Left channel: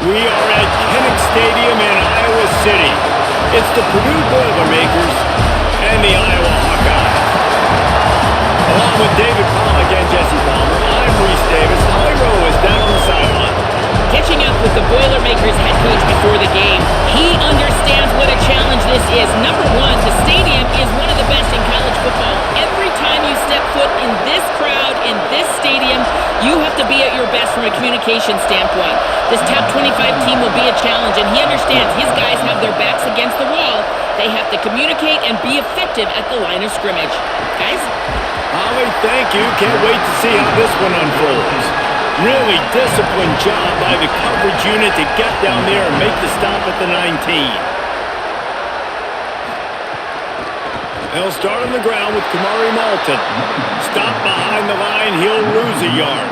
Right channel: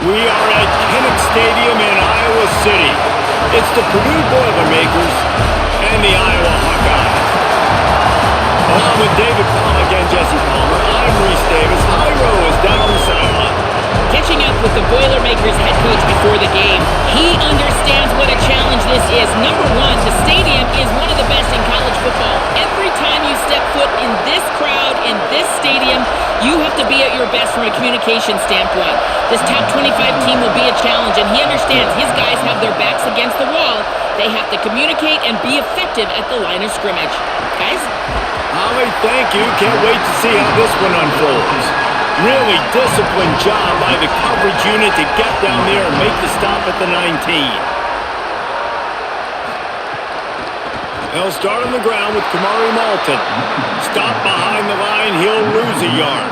We are at Kinnick Stadium in Iowa City. It's the Purdue Boilermakers and the Iowa Hawkeyes. Along with David Pollack and Jesse Palmer, I'm Reese Davis. Holly Rowe is down on the sideline. Catching up with the Boilermakers head coach before the game, he understands what a challenge this is. Number one, the stadium is one of the best in college football. Every time you step foot in this crowd, in this stadium, you have to be at your best from a communication standpoint. This top 25 team will be a challenge, and he understands his guys have their backs against the wall. They have to communicate and be effective at the line of scrimmage. Guys? Holly, thank you. Can't wait to see how this one unfolds. Really disciplined job by the coverage unit to get down there and make the stop at the 19. They'll start on the ground with Kamari Malton. Stop behind the line, he'll lose a yard.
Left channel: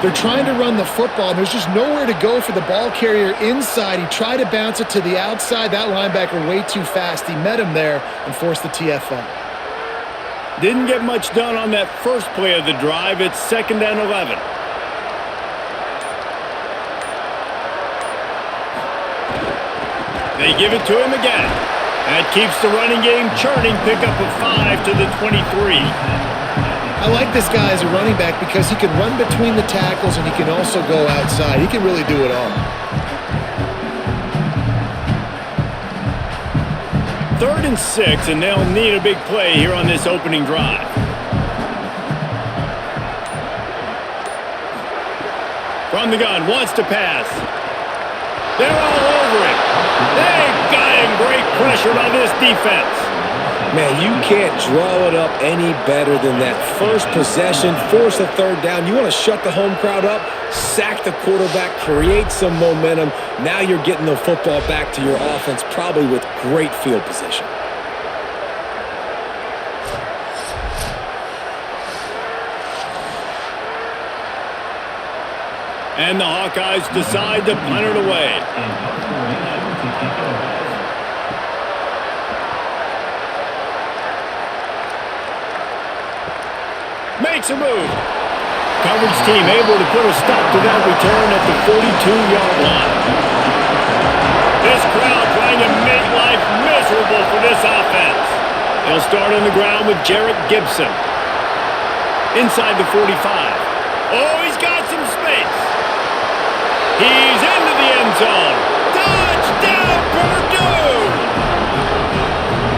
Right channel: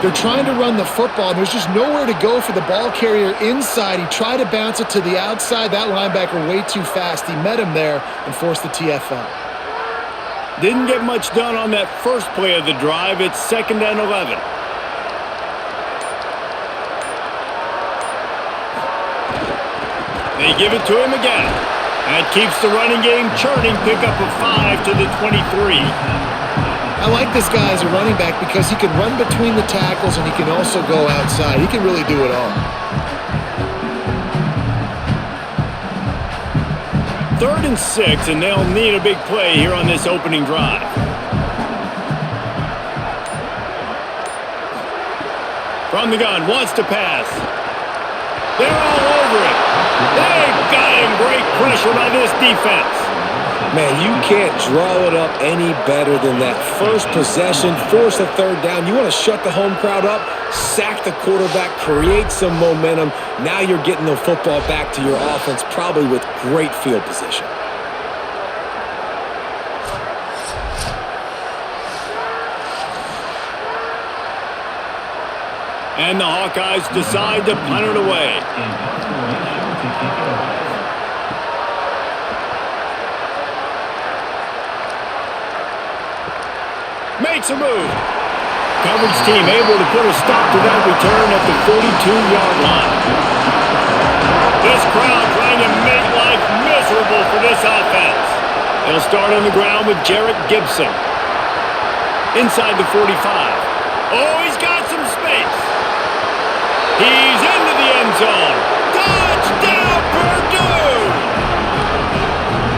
They're trying to run the football. There's just nowhere to go for the ball carrier inside. He tried to bounce it to the outside. That linebacker way too fast. He met him there and forced the TFL. Didn't get much done on that first play of the drive. It's 2nd and 11. They give it to him again. That keeps the running game churning. Pickup of 5 to the 23. I like this guy as a running back because he can run between the tackles and he can also go outside. He can really do it all. 3rd and 6, and they'll need a big play here on this opening drive. From the gun, wants to pass. They're all over it. They got him. Great pressure by this defense. Man, you can't draw it up any better than that. First possession, force a 3rd down. You want to shut the home crowd up, sack the quarterback, create some momentum. Now you're getting the football back to your offense, probably with great field position. And the Hawkeyes decide to punt it away. Makes a move. Coverage team able to put a stop to that return at the 42-yard line. This crowd trying to make life miserable for this offense. They'll start on the ground with Jarrett Gibson. Inside the 45. Oh, he's got some space. He's into the end zone. Touchdown, Purdue!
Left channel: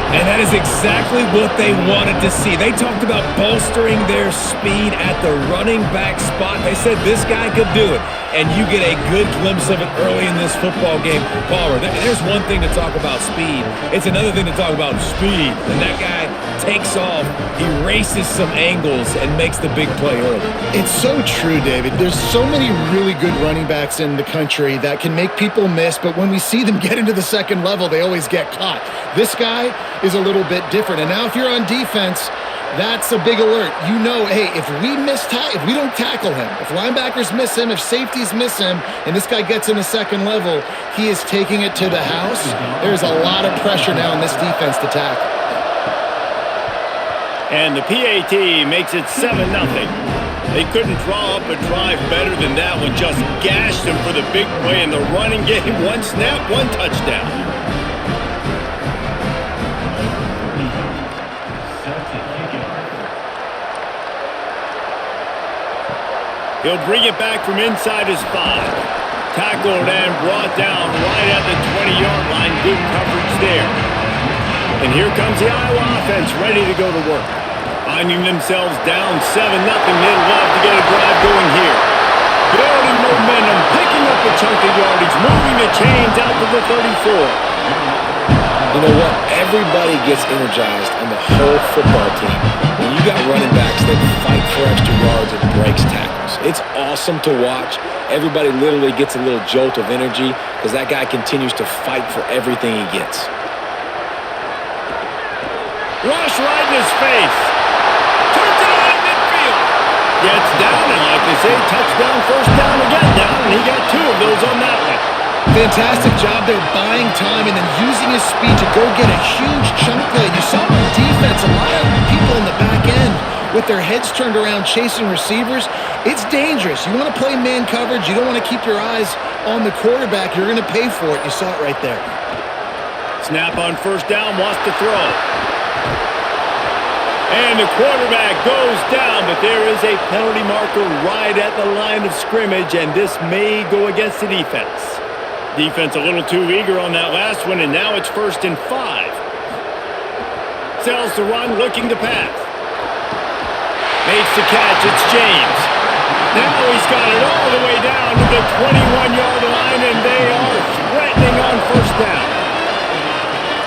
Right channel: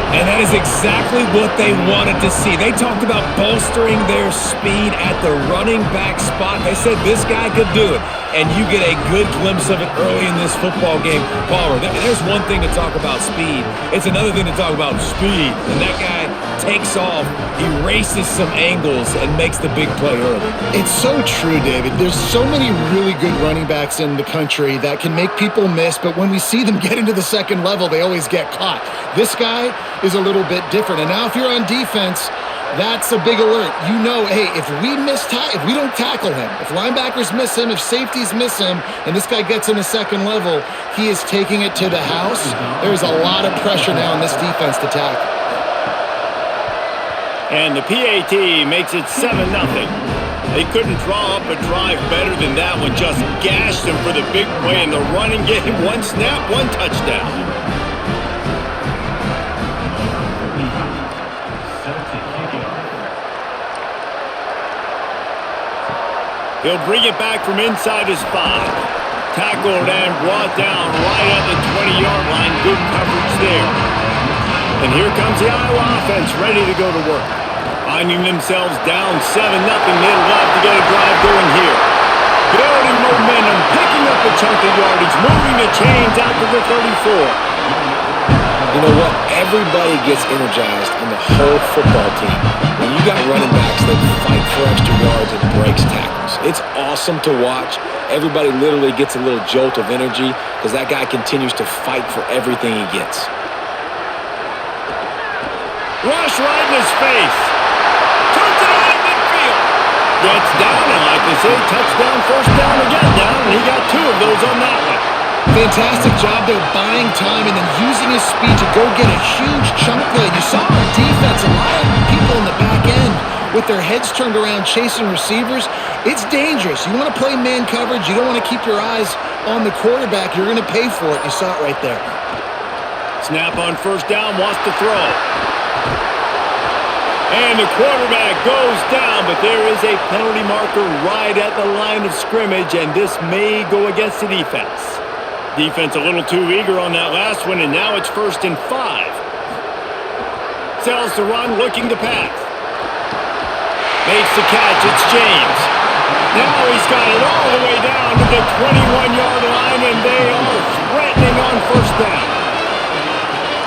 And that is exactly what they wanted to see. They talked about bolstering their speed at the running back spot. They said this guy could do it. And you get a good glimpse of it early in this football game. Palmer, there's one thing to talk about speed. It's another thing to talk about speed. And that guy takes off, erases some angles, and makes the big play early. It's so true, David. There's so many really good running backs in the country that can make people miss, but when we see them get into the second level, they always get caught. This guy is a little bit different. And now if you're on defense, that's a big alert. You know, hey, if we don't tackle him, if linebackers miss him, if safeties miss him, and this guy gets in the second level, he is taking it to the house. There's a lot of pressure now on this defense to tackle. And the PAT makes it 7-0. They couldn't draw up a drive better than that one. Just gashed them for the big play in the running game. One snap, one touchdown. He'll bring it back from inside his 5. Tackled and brought down right at the 20-yard line. Good coverage there. And here comes the Iowa offense ready to go to work. Finding themselves down 7-0. They'd love to get a drive going here. Building momentum, picking up a chunk of yardage, moving the chains out to the 34. You know what? Everybody gets energized on the whole football team. When you got running backs that fight for extra yards and breaks tackles, it's awesome to watch. Everybody literally gets a little jolt of energy because that guy continues to fight for everything he gets. Rush right in his face. Turns it on in midfield. Gets down, and like they say, touchdown, first down, or get down, and he got 2 of those on that one. Fantastic job there buying time and then using his speed to go get a huge chunk play. You saw on defense a lot of people in the back end with their heads turned around chasing receivers, it's dangerous. You want to play man coverage. You don't want to keep your eyes on the quarterback. You're going to pay for it. You saw it right there. Snap on first down, wants to throw. And the quarterback goes down, but there is a penalty marker right at the line of scrimmage, and this may go against the defense. Defense a little too eager on that last one, and now it's 1st and 5. Sells the run, looking to pass. Makes the catch, it's James. Now he's got it all the way down to the 21-yard line, and they are threatening on first down.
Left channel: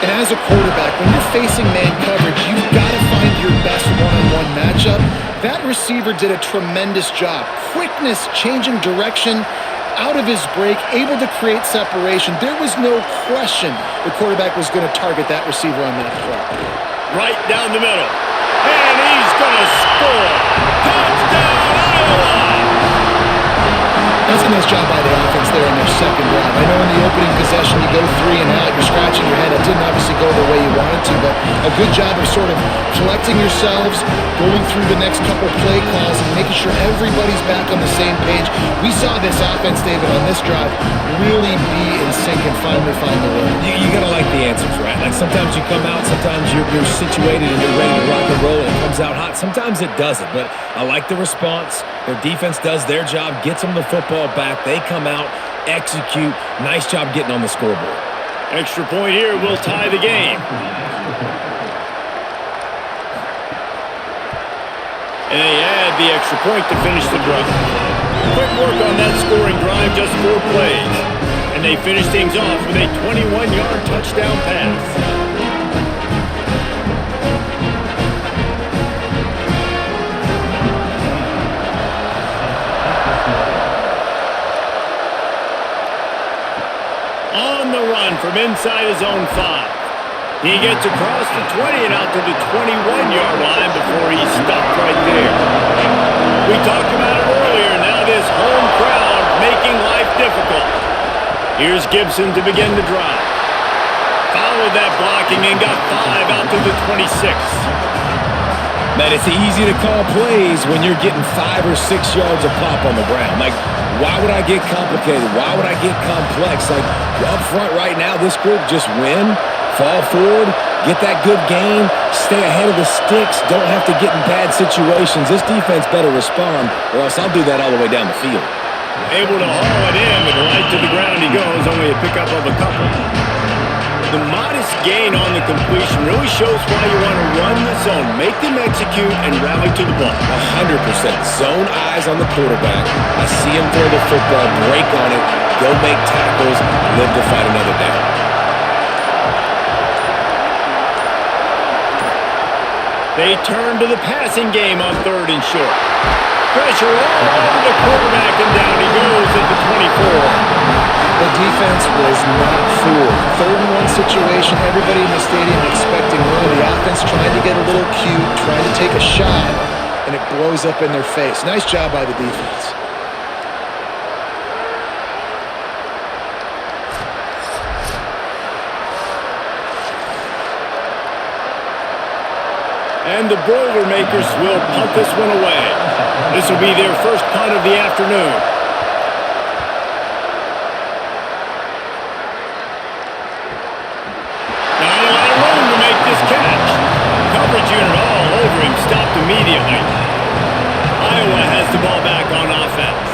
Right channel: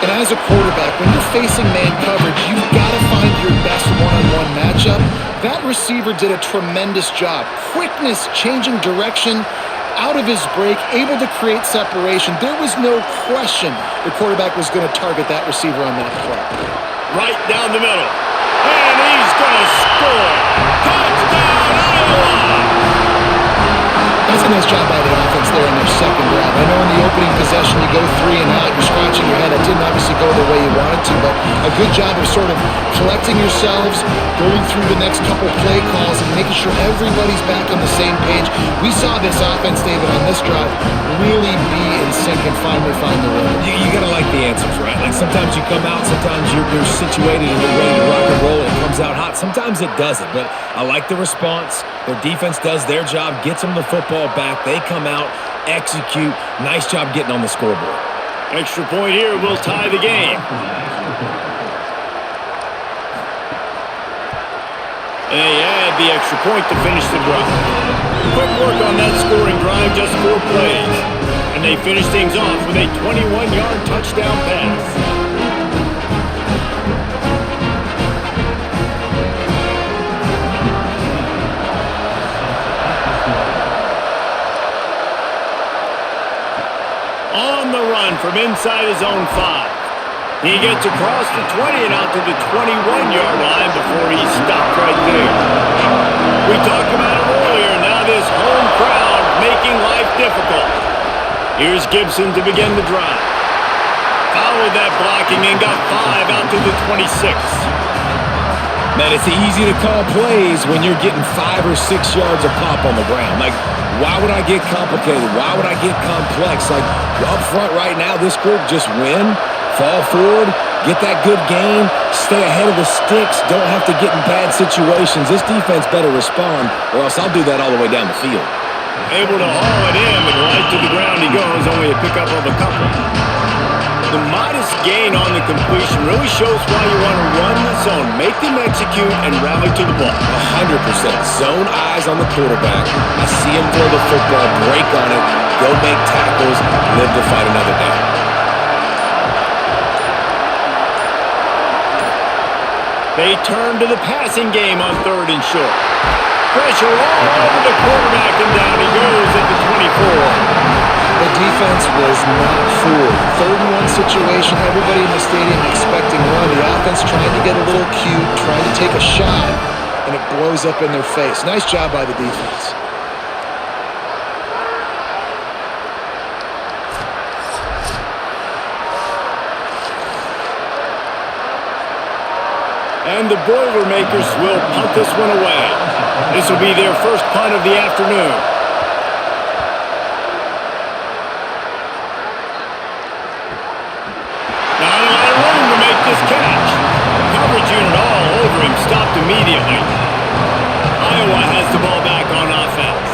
And as a quarterback, when you're facing man coverage, you've got to find your best one-on-one matchup. That receiver did a tremendous job. Quickness, changing direction, out of his break, able to create separation. There was no question the quarterback was going to target that receiver on that play. Right down the middle. And he's going to score. Touchdown, Iowa! That's a nice job by the offense there in their second drive. I know in the opening possession you go 3 and out, you're scratching your head. That didn't obviously go the way you wanted to, but a good job of sort of collecting yourselves, going through the next couple play calls and making sure everybody's back on the same page. We saw this offense, David, on this drive really be in sync and finally find the rhythm. You got to like the answers, right? Like sometimes you come out, sometimes you're situated and you're ready to rock and roll and it comes out hot. Sometimes it doesn't, but I like the response. Their defense does their job, gets them the football back. They come out, execute. Nice job getting on the scoreboard. Extra point here will tie the game. And they add the extra point to finish the drive. Quick work on that scoring drive, just 4 plays. And they finish things off with a 21-yard touchdown pass. On the run from inside his own 5. He gets across the 20 and out to the 21-yard line before he's stopped right there. We talked about it earlier. Now this home crowd making life difficult. Here's Gibson to begin the drive. Followed that blocking and got 5 out to the 26. Man, it's easy to call plays when you're getting 5 or 6 yards a pop on the ground. Like, why would I get complicated? Why would I get complex? Like, up front right now, this group just win, fall forward, get that good gain, stay ahead of the sticks, don't have to get in bad situations. This defense better respond, or else I'll do that all the way down the field. Able to haul it in, but right to the ground he goes, only a pickup of a couple. The modest gain on the completion really shows why you want to run the zone, make them execute, and rally to the ball. 100%. Zone eyes on the quarterback. I see him throw the football, break on it, go make tackles, live to fight another down. They turn to the passing game on 3rd and short. Pressure all over the quarterback, and down he goes at the 24. The defense was not fooled. 3rd and 1 situation, everybody in the stadium expecting run. The offense trying to get a little cute, trying to take a shot, and it blows up in their face. Nice job by the defense. And the Boilermakers will punt this one away. This will be their first punt of the afternoon. Not a lot of room to make this catch. Coverage unit all over him, stopped immediately. Iowa has the ball back on offense.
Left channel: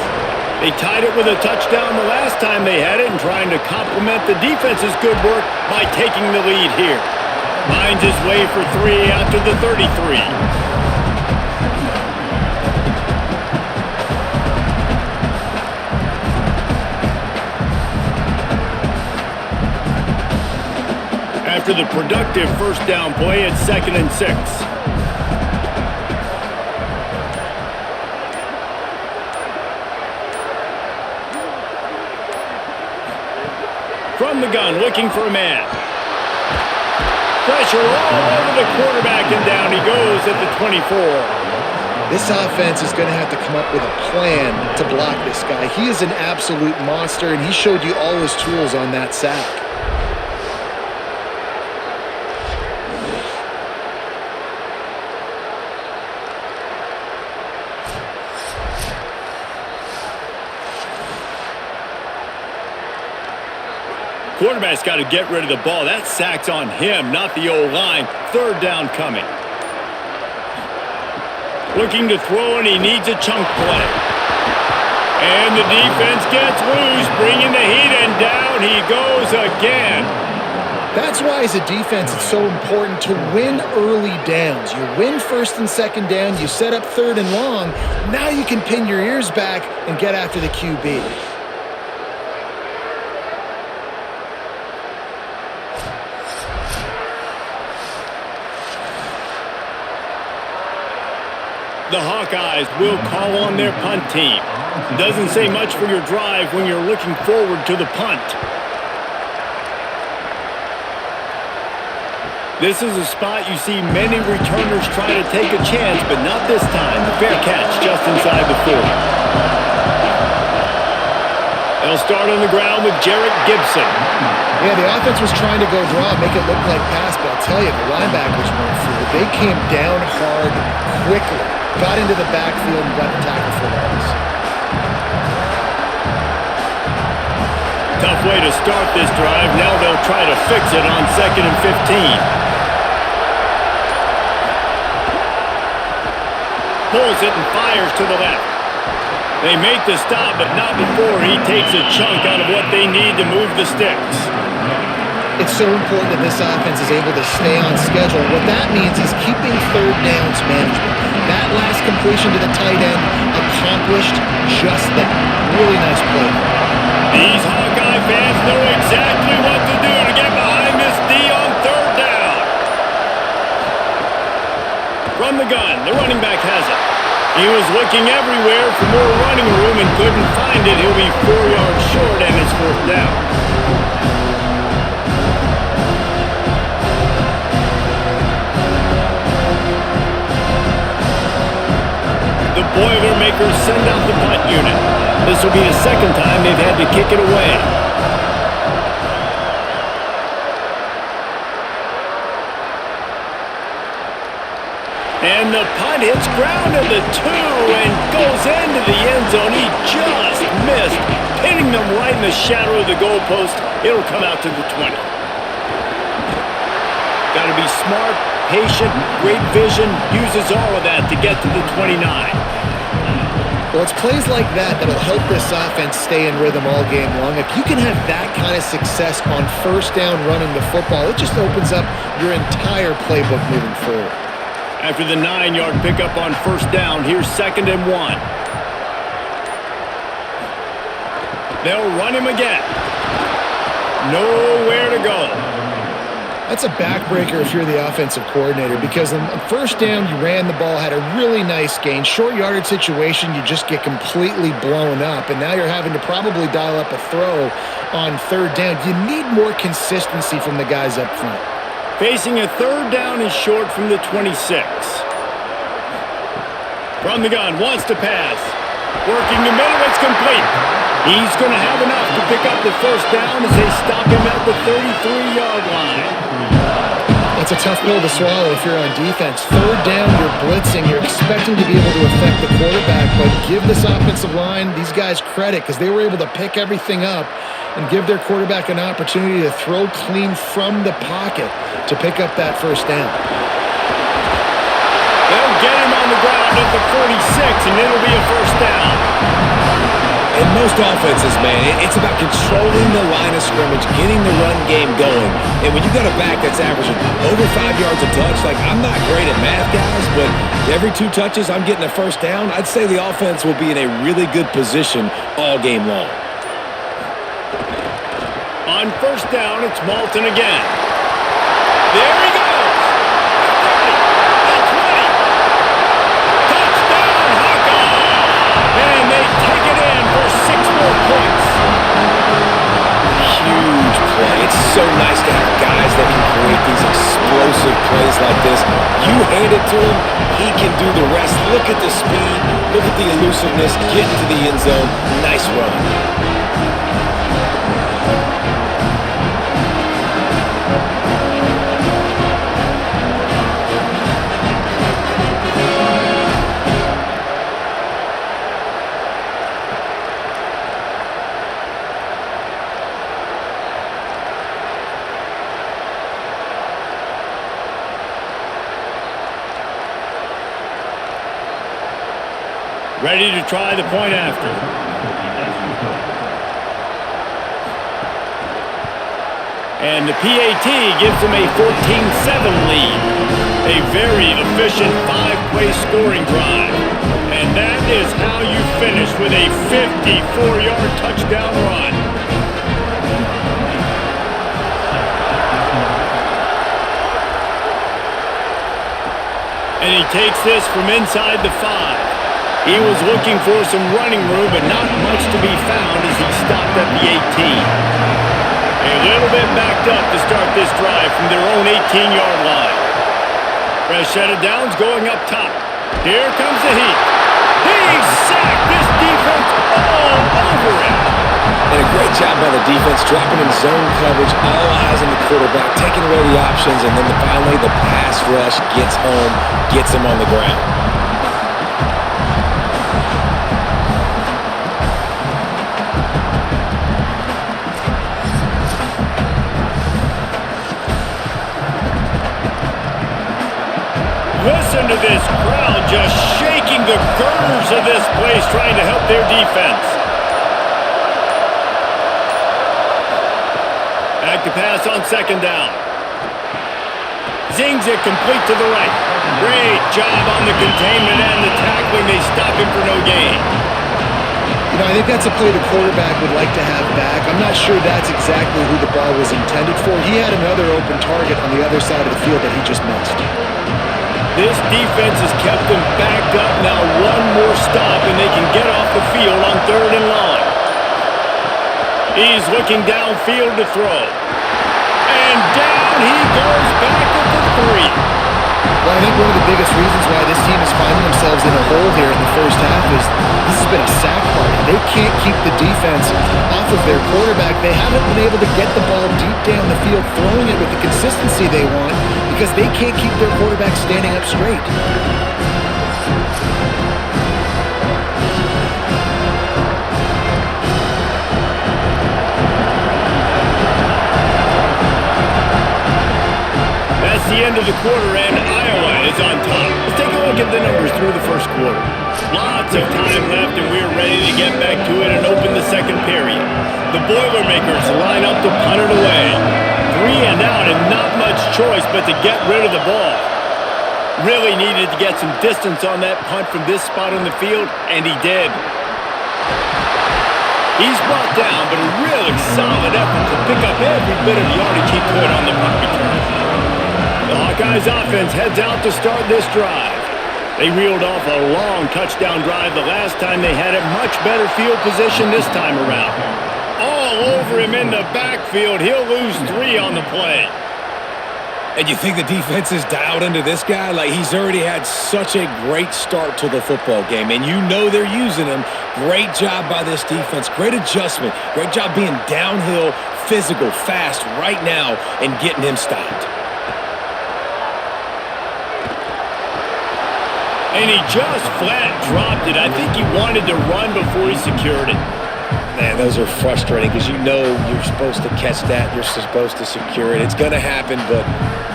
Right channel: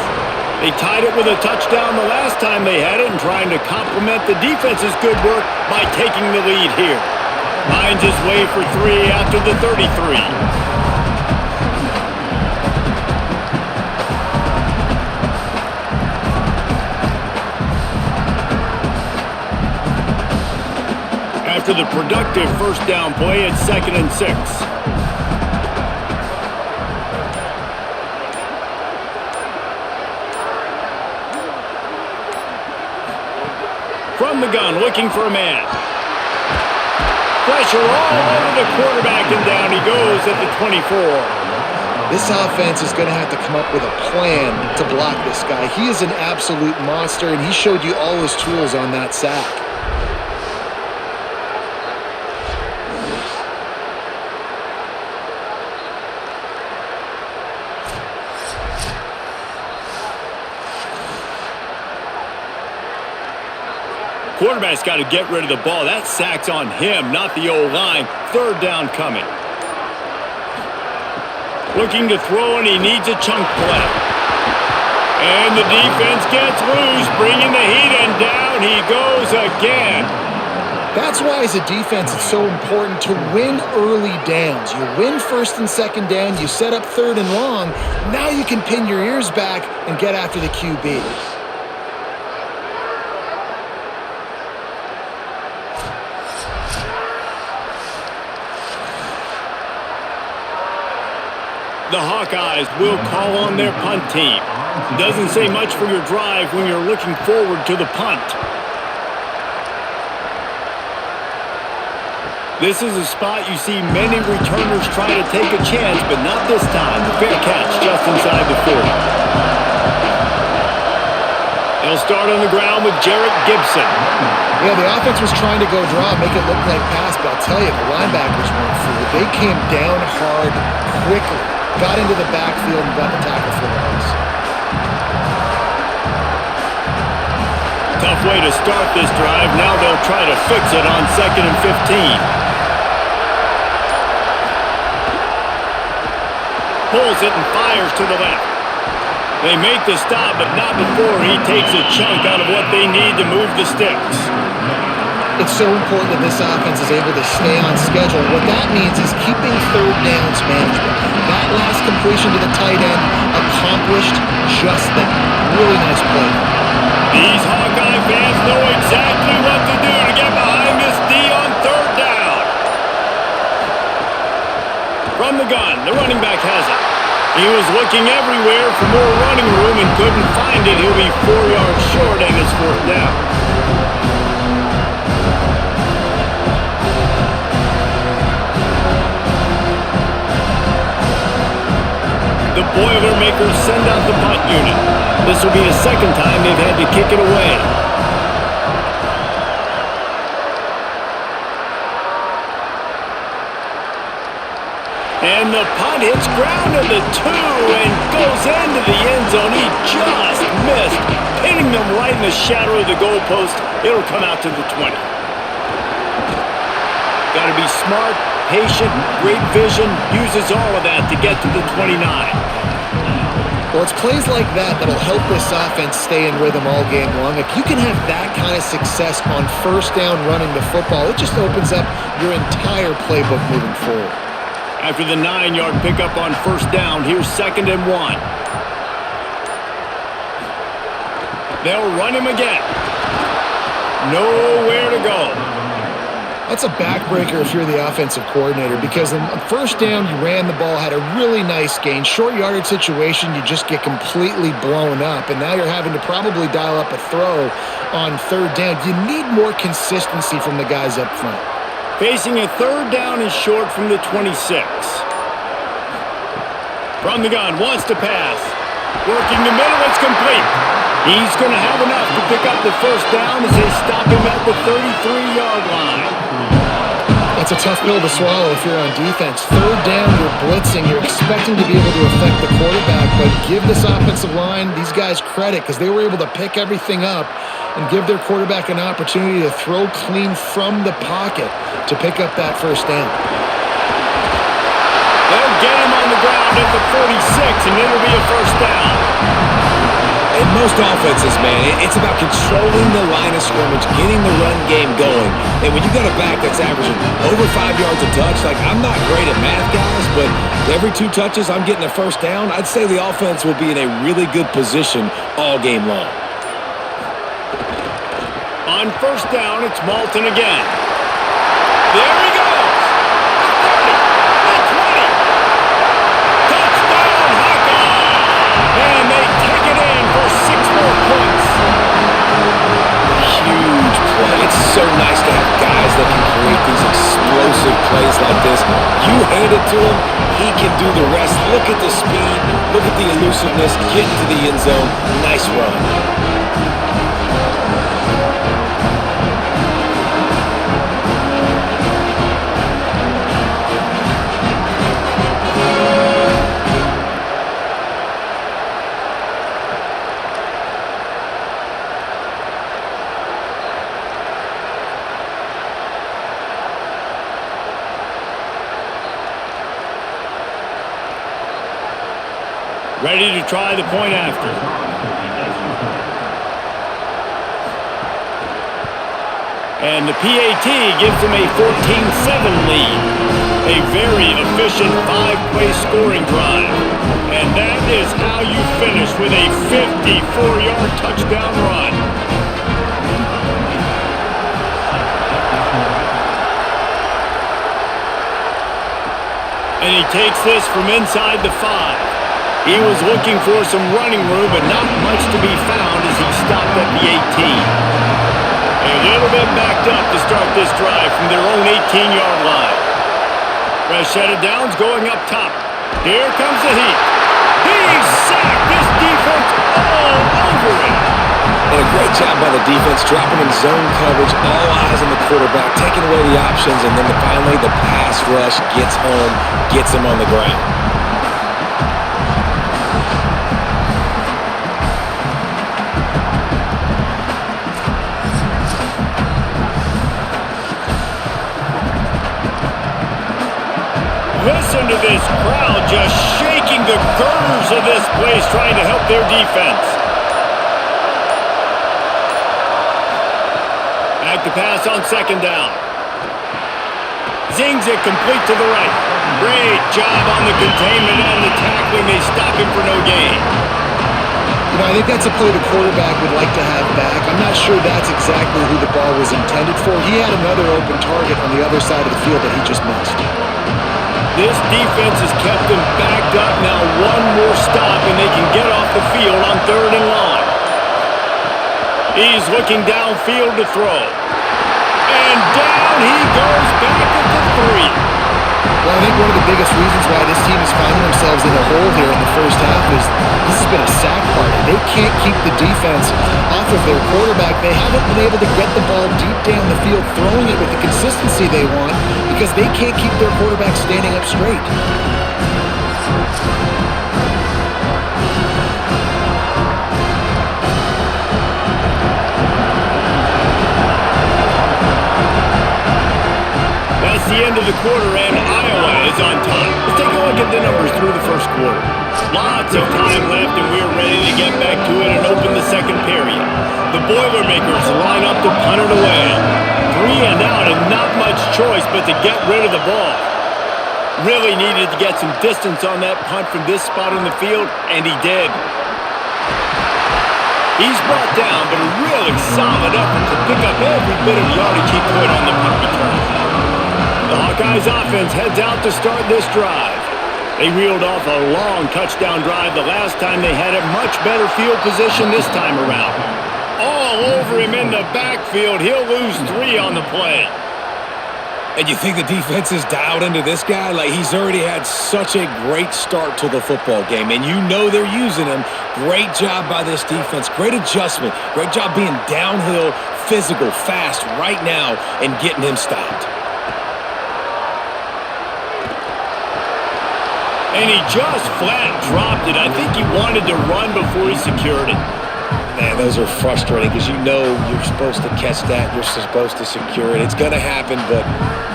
They tied it with a touchdown the last time they had it and trying to complement the defense's good work by taking the lead here. Finds his way for 3 out to the 33. After the productive first down play, it's 2nd and 6. From the gun, looking for a man. Pressure all over the quarterback, and down he goes at the 24. This offense is going to have to come up with a plan to block this guy. He is an absolute monster, and he showed you all his tools on that sack. Quarterback's got to get rid of the ball. That sack's on him, not the O-line. Third down coming. Looking to throw, and he needs a chunk play. And the defense gets loose, bringing the heat, and down he goes again. That's why, as a defense, it's so important to win early downs. You win first and second down, you set up third and long. Now you can pin your ears back and get after the QB. The Hawkeyes will call on their punt team. Doesn't say much for your drive when you're looking forward to the punt. This is a spot you see many returners try to take a chance, but not this time. The fair catch just inside the 40. They'll start on the ground with Jarrett Gibson. Yeah, the offense was trying to go draw, make it look like pass, but I'll tell you, the linebackers weren't fooled. They came down hard quickly, got into the backfield, and got the tackle for loss. Tough way to start this drive. Now they'll try to fix it on 2nd and 15. Pulls it and fires to the left. They make the stop, but not before he takes a chunk out of what they need to move the sticks. It's so important that this offense is able to stay on schedule. What that means is keeping third downs management. That last completion to the tight end accomplished just that. Really nice play. These Hawkeye fans know exactly what to do to get behind this D on third down. From the gun, the running back has it. He was looking everywhere for more running room and couldn't find it. He'll be 4 yards short, and it's fourth down. The Boilermakers send out the punt unit. This will be the second time they've had to kick it away. And the punt hits ground at the 2 and goes into the end zone. He just missed, hitting them right in the shadow of the goalpost. It'll come out to the 20. Got to be smart, patient, great vision, uses all of that to get to the 29. Well, it's plays like that that'll help this offense stay in rhythm all game long. If you can have that kind of success on first down running the football, it just opens up your entire playbook moving forward. After the 9-yard pickup on first down, here's 2nd and 1. They'll run him again. Nowhere to go. That's a backbreaker if you're the offensive coordinator, because on first down, you ran the ball, had a really nice gain. Short yardage situation, you just get completely blown up, and now you're having to probably dial up a throw on third down. You need more consistency from the guys up front. Facing a third down and short from the 26. From the gun, wants to pass. Working the middle, it's complete. He's going to have enough to pick up the first down as they stop him at the 33-yard line. That's a tough pill to swallow if you're on defense. Third down, you're blitzing. You're expecting to be able to affect the quarterback, but give this offensive line, these guys, credit, because they were able to pick everything up and give their quarterback an opportunity to throw clean from the pocket to pick up that first down. They'll get him on the ground at the 46, and it'll be a first down. In most offenses, man, it's about controlling the line of scrimmage, getting the run game going. And when you got a back that's averaging over 5 yards a touch, like, I'm not great at math, guys, but every 2 touches I'm getting a first down, I'd say the offense will be in a really good position all game long. On first down, it's Malton again. There he goes. The 30, the 20. Touchdown, Hawkeyes. And they take it in for 6 more points. Huge play. It's so nice to have guys that can create these explosive plays like this. You hand it to him, he can do the rest. Look at the speed. Look at the elusiveness. Get into the end zone. Nice run. Ready to try the point after. And the PAT gives them a 14-7 lead. A very efficient 5-play scoring drive. And that is how you finish with a 54-yard touchdown run. And he takes this from inside the 5. He was looking for some running room, but not much to be found as he stopped at the 18. A little bit backed up to start this drive from their own 18-yard line. Fresh set of downs going up top. Here comes the heat. He sacked this defense all over him. And a great job by the defense, dropping in zone coverage, all eyes on the quarterback, taking away the options, and then finally the pass rush gets home, gets him on the ground. Listen to this crowd just shaking the girders of this place, trying to help their defense. Back to pass on second down. Zings it complete to the right. Great job on the containment and the tackling. They stop him for no gain. You know, I think that's a play the quarterback would like to have back. I'm not sure that's exactly who the ball was intended for. He had another open target on the other side of the field that he just missed. This defense has kept them backed up. Now one more stop and they can get off the field on 3rd and long. He's looking downfield to throw. And down he goes back at the 3. Well, I think one of the biggest reasons why this team is finding themselves in a hole here in the first half is this has been a sack party. They can't keep the defense off of their quarterback. They haven't been able to get the ball deep down the field, throwing it with the consistency they want because they can't keep their quarterback standing up straight. That's the end of the quarter, and Iowa is on top. Let's take a look at the numbers through the first quarter. Lots of time left, and we're ready to get back to it and open the second period. The Boilermakers line up to punt it away. 3 and out, and not much choice but to get rid of the ball. Really needed to get some distance on that punt from this spot on the field, and he did. He's brought down, but a really solid effort to pick up every bit of yardage he could on the punt return. The Hawkeyes offense heads out to start this drive. They reeled off a long touchdown drive the last time they had it. Much better field position this time around. All over him in the backfield. He'll lose 3 on the play. And you think the defense is dialed into this guy? Like, he's already had such a great start to the football game, and you know they're using him. Great job by this defense. Great adjustment. Great job being downhill, physical, fast right now, and getting him stopped. And he just flat dropped it. I think he wanted to run before he secured it. Man, those are frustrating because you know you're supposed to catch that. You're supposed to secure it. It's going to happen, but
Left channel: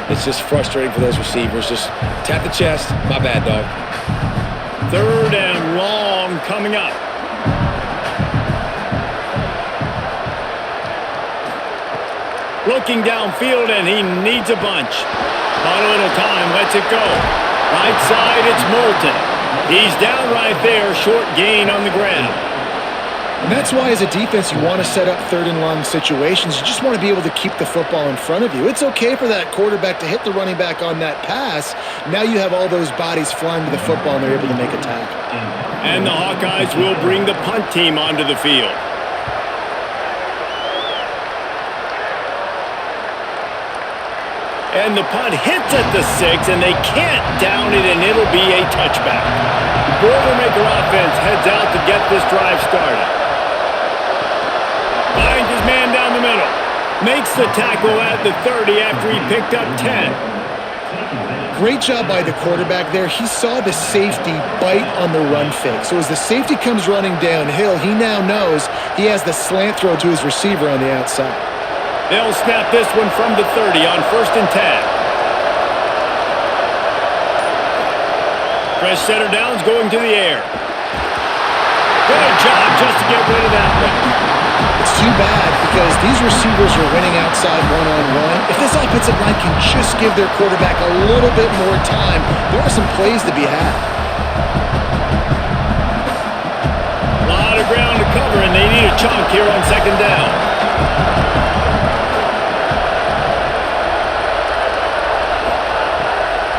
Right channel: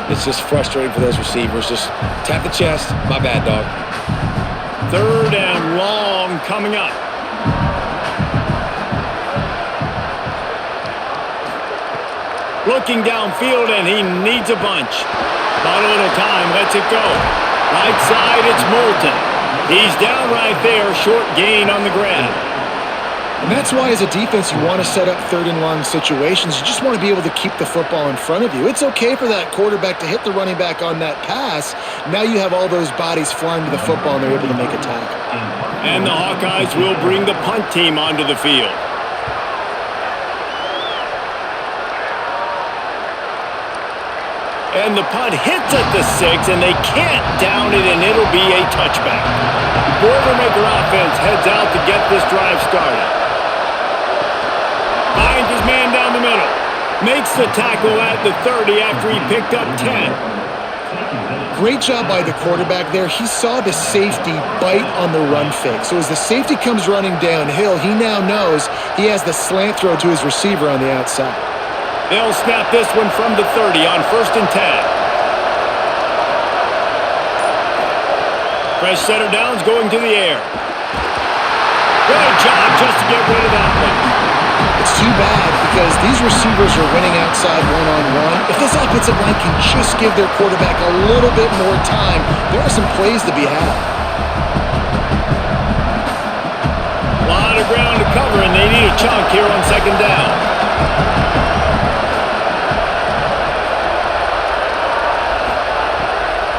it's just frustrating for those receivers. Just tap the chest. My bad, dog. 3rd and long coming up. Looking downfield, and he needs a bunch. Bought a little time, lets it go. Right side, it's Moulton. He's down right there, short gain on the grab. And that's why as a defense you want to set up 3rd and long situations. You just want to be able to keep the football in front of you. It's okay for that quarterback to hit the running back on that pass. Now you have all those bodies flying to the football and they're able to make a tackle. And the Hawkeyes will bring the punt team onto the field. And the punt hits at the 6, and they can't down it, and it'll be a touchback. The Boilermaker offense heads out to get this drive started. Finds his man down the middle. Makes the tackle at the 30 after he picked up 10. Great job by the quarterback there. He saw the safety bite on the run fake. So as the safety comes running downhill, he now knows he has the slant throw to his receiver on the outside. They'll snap this one from the 30 on 1st and 10. Fresh set of downs going to the air. Good job just to get rid of that one. It's too bad because these receivers are winning outside one-on-one. If this offensive line can just give their quarterback a little bit more time, there are some plays to be had. A lot of ground to cover, and they need a chunk here on second down.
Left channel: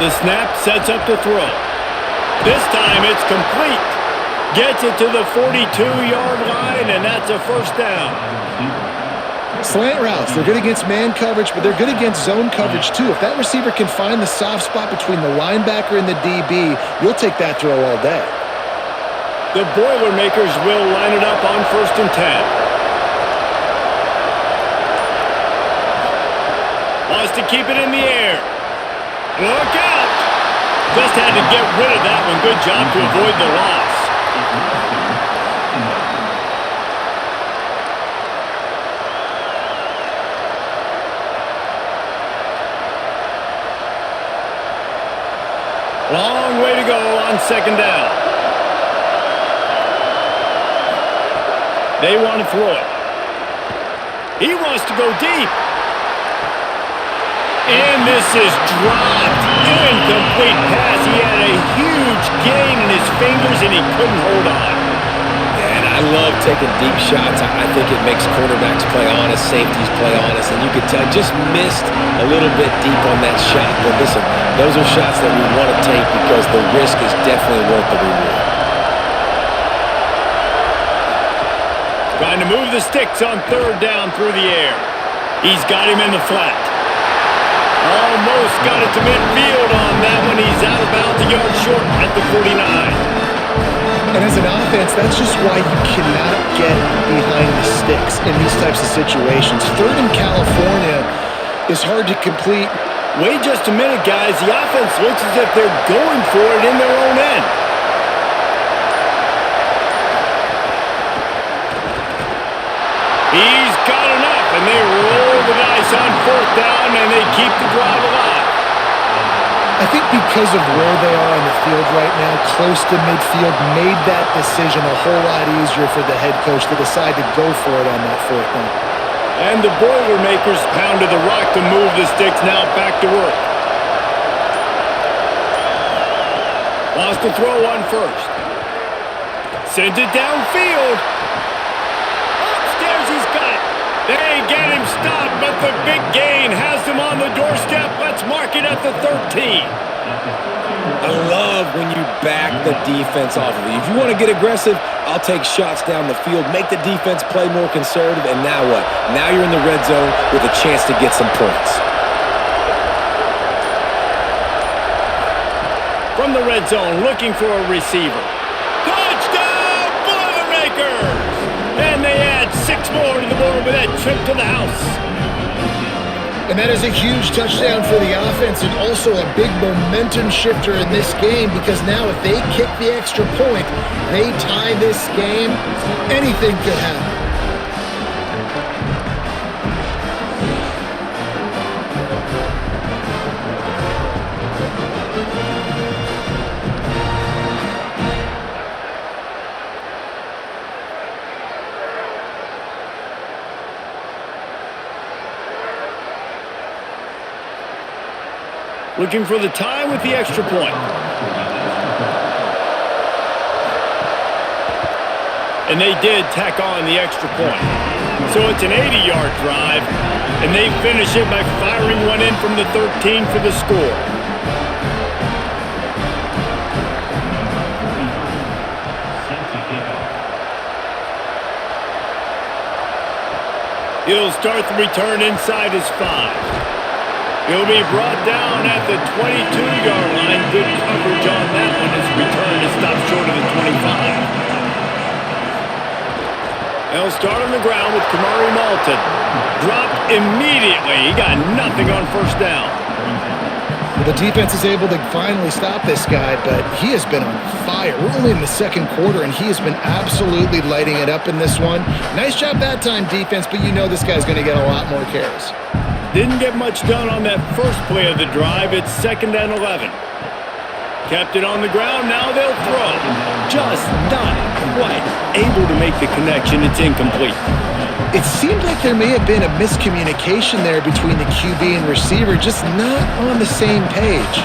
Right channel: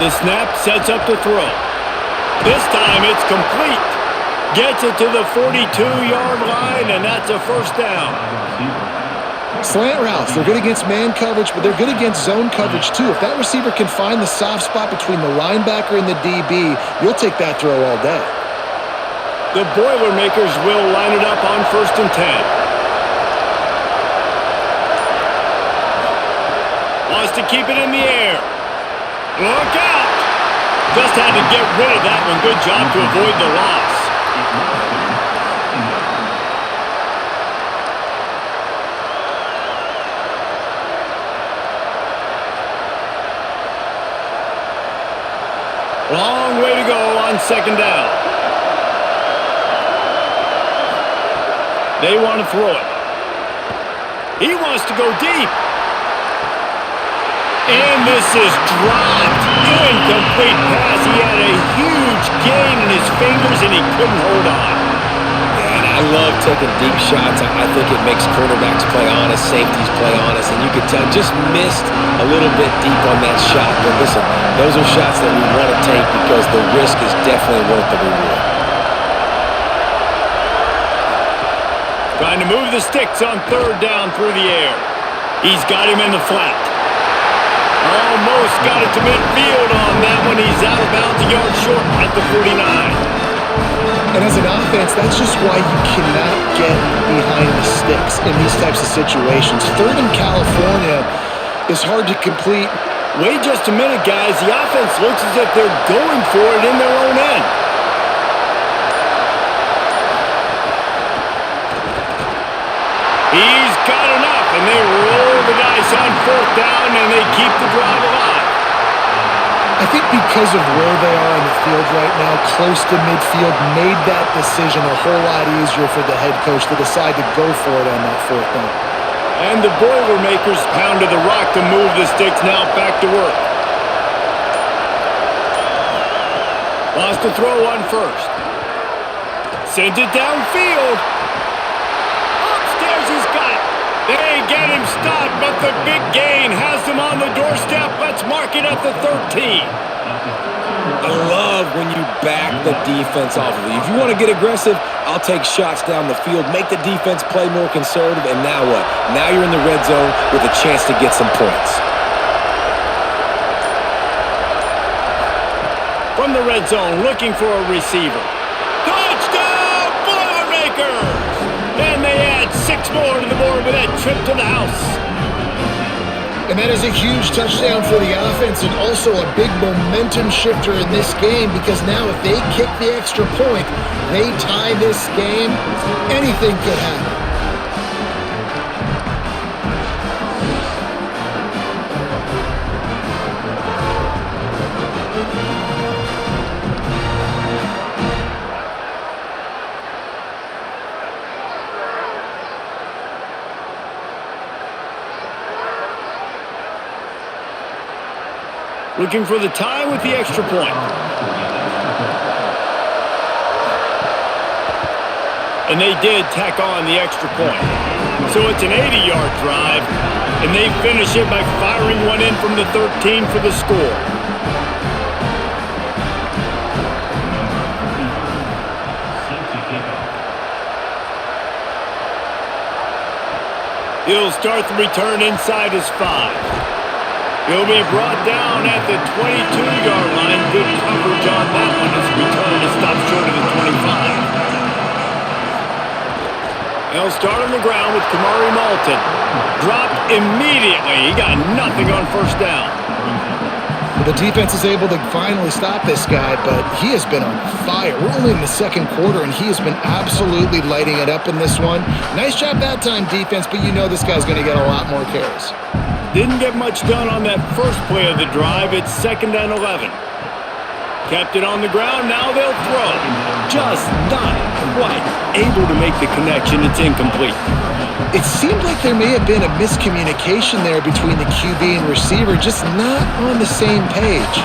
The snap sets up to throw. This time it's complete. Gets it to the 42-yard line, and that's a first down. Slant routes, they're good against man coverage, but they're good against zone coverage too. If that receiver can find the soft spot between the linebacker and the DB, you'll take that throw all day. The Boilermakers will line it up on 1st and 10. Wants to keep it in the air. Look out! Just had to get rid of that one. Good job to avoid the loss. Long way to go on second down. They want to throw it. He wants to go deep. And this is dropped. Incomplete pass. He had a huge gain in his fingers, and he couldn't hold on. Yeah, and I love taking deep shots. I think it makes quarterbacks play honest, safeties play honest, and you could tell just missed a little bit deep on that shot. But listen, those are shots that we want to take because the risk is definitely worth the reward. Trying to move the sticks on 3rd down through the air. He's got him in the flat. Almost got it to midfield on that one. He's out of bounds, a yard short at the 49. And as an offense, that's just why you cannot get behind the sticks in these types of situations. 3rd in California is hard to complete. Wait just a minute, guys. The offense looks as if they're going for it in their own end. He's got enough, and they roll the dice on 4th down, and they keep the drive alive. I think because of where they are on the field right now, close to midfield, made that decision a whole lot easier for the head coach to decide to go for it on that 4th down. And the Boilermakers pounded the rock to move the sticks. Now back to work. Wants to throw on 1st. Sends it downfield. Upstairs, he's got it. They get him stopped, but the big gain has them on the doorstep. Let's mark it at the 13. I love when you back the defense off of you. If you want to get aggressive, I'll take shots down the field, make the defense play more conservative, and now what? Now you're in the red zone with a chance to get some points. From the red zone, looking for a receiver. Touchdown, Boilermakers! And they add 6 more to the board with that trip to the house. And that is a huge touchdown for the offense and also a big momentum shifter in this game because now if they kick the extra point, they tie this game, anything could happen. Looking for the tie with the extra point. And they did tack on the extra point. So it's an 80-yard drive, and they finish it by firing one in from the 13 for the score. He'll start the return inside his 5. He'll be brought down at the 22-yard line. Good coverage on that one. His return is stopped short of the 25. They'll start on the ground with Kamari Malton. Dropped immediately. He got nothing on 1st down. The defense is able to finally stop this guy, but he has been on fire. We're only in the 2nd quarter, and he has been absolutely lighting it up in this one. Nice job that time, defense, but you know this guy's going to get a lot more carries. Didn't get much done on that first play of the drive. It's 2nd and 11. Kept it on the ground, now they'll throw. Just not quite able to make the connection. It's incomplete. It seemed like there may have been a miscommunication there between the QB and receiver, just not on the same page.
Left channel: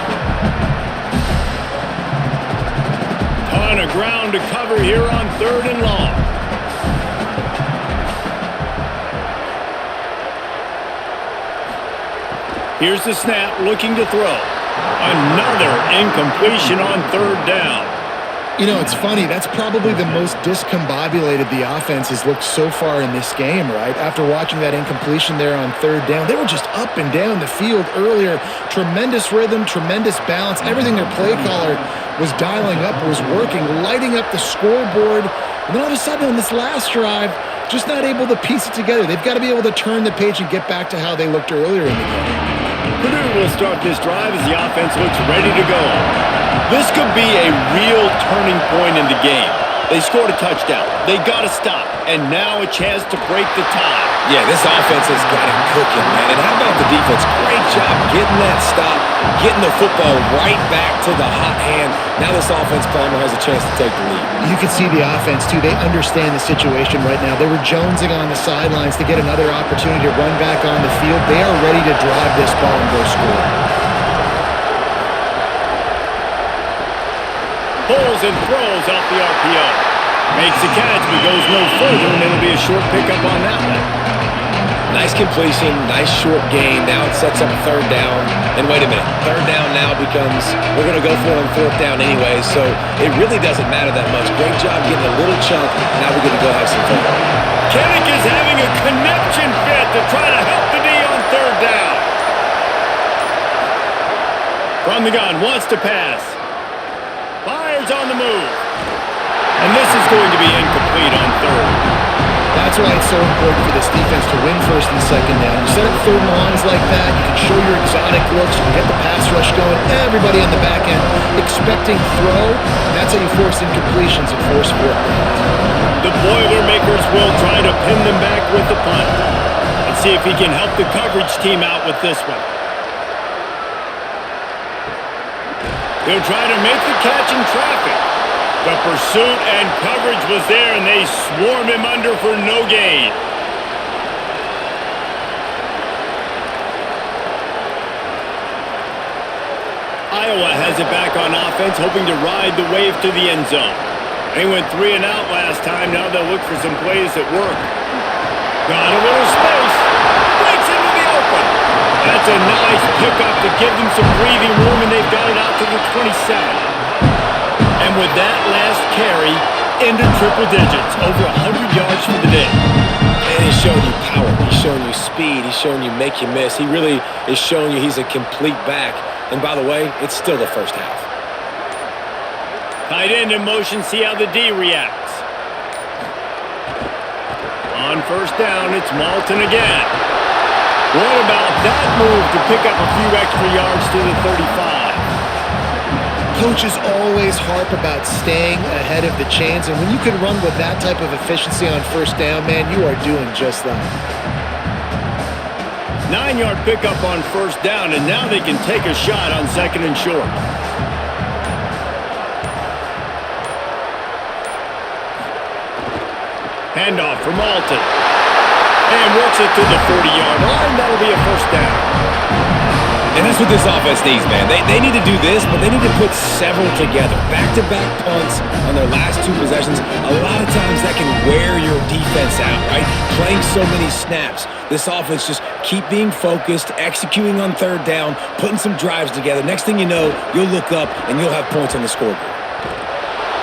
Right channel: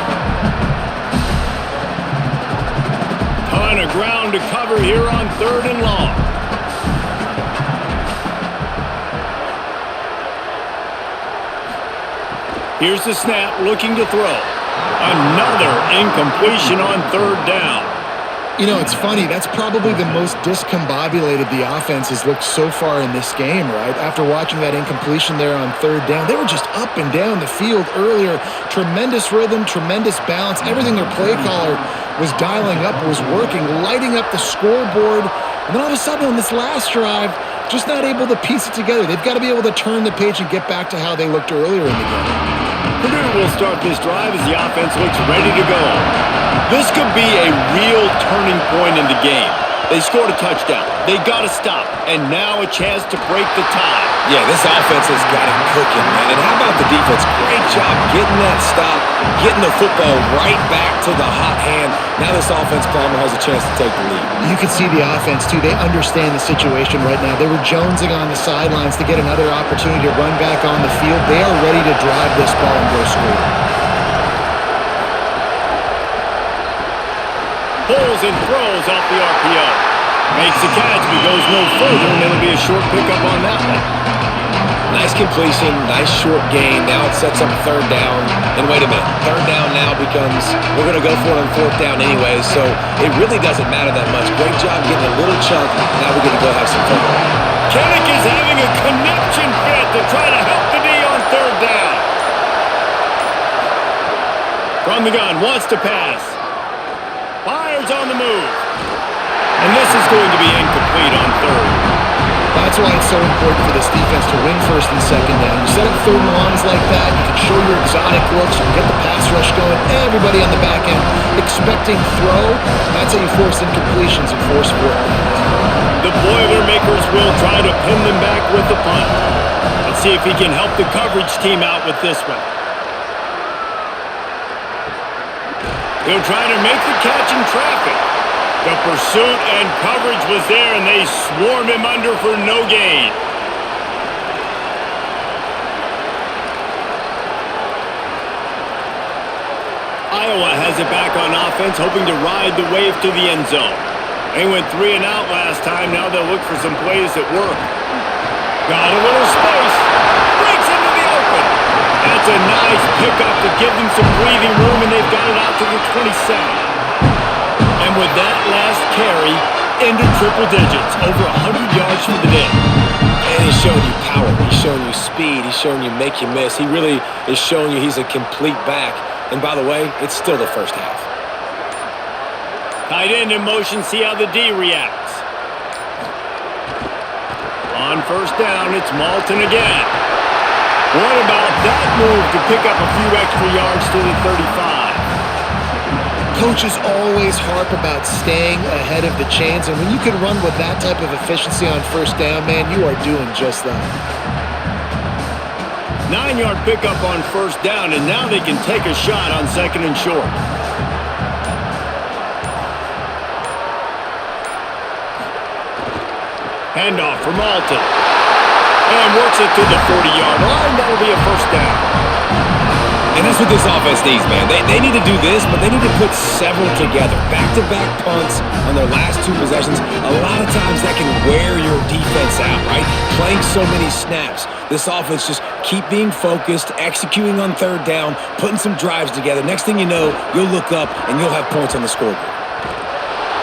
Ton of ground to cover here on 3rd and long. Here's the snap, looking to throw. Another incompletion on 3rd down. You know, it's funny. That's probably the most discombobulated the offense has looked so far in this game, right? After watching that incompletion there on 3rd down, they were just up and down the field earlier. Tremendous rhythm, tremendous balance. Everything their play caller was dialing up was working, lighting up the scoreboard. And then all of a sudden on this last drive, just not able to piece it together. They've got to be able to turn the page and get back to how they looked earlier in the game. Purdue will start this drive as the offense looks ready to go. This could be a real turning point in the game. They scored a touchdown. They got to stop. And now a chance to break the tie. Yeah, this offense has got it cooking, man. And how about the defense? Great job getting that stop, getting the football right back to the hot hand. Now this offense, Palmer, has a chance to take the lead. You can see the offense, too. They understand the situation right now. They were jonesing on the sidelines to get another opportunity to run back on the field. They are ready to drive this ball and go score. Pulls and throws off the RPO. Makes the catch, but goes no further, and it'll be a short pickup on that one. Nice completion, nice short gain. Now it sets up 3rd down. And wait a minute, 3rd down now becomes, we're going to go for it on 4th down anyways, so it really doesn't matter that much. Great job getting a little chunk. Now we get to go have some fun. Kinnick is having a connection fit to try to help the D on 3rd down. From the gun, wants to pass. Fires on the move. And this is going to be incomplete on 3rd. That's why it's so important for this defense to win 1st and 2nd down. You set up 3rd and longs like that, you can show your exotic looks, you can get the pass rush going, everybody on the back end expecting throw, and that's how you force incompletions and force 4th downs. The Boilermakers will try to pin them back with the punt. Let's see if he can help the coverage team out with this one. He'll try to make the catch in traffic. The pursuit and coverage was there, and they swarm him under for no gain. Iowa has it back on offense, hoping to ride the wave to the end zone. They went 3 and out last time. Now they'll look for some plays that work. Got a little space. Breaks into the open. That's a nice pickup to give them some breathing room, and they've got it out to the 27. And with that last carry, into triple digits, over 100 yards for the day. And he's showing you power. He's showing you speed. He's showing you make you miss. He really is showing you he's a complete back. And by the way, it's still the first half. Tight end in motion, see how the D reacts. On 1st down, it's Malton again. What about that move to pick up a few extra yards to the 35? Coaches always harp about staying ahead of the chains, and when you can run with that type of efficiency on 1st down, man, you are doing just that. 9-yard pickup on 1st down, and now they can take a shot on 2nd and short. Handoff for Malton. And works it to the 40-yard line. That'll be a 1st down. And that's what this offense needs, man. They need to do this, but they need to put several together. Back-to-back punts on their last 2 possessions. A lot of times that can wear your defense out, right? Playing so many snaps. This offense just keep being focused, executing on 3rd down, putting some drives together. Next thing you know, you'll look up and you'll have points on the scoreboard.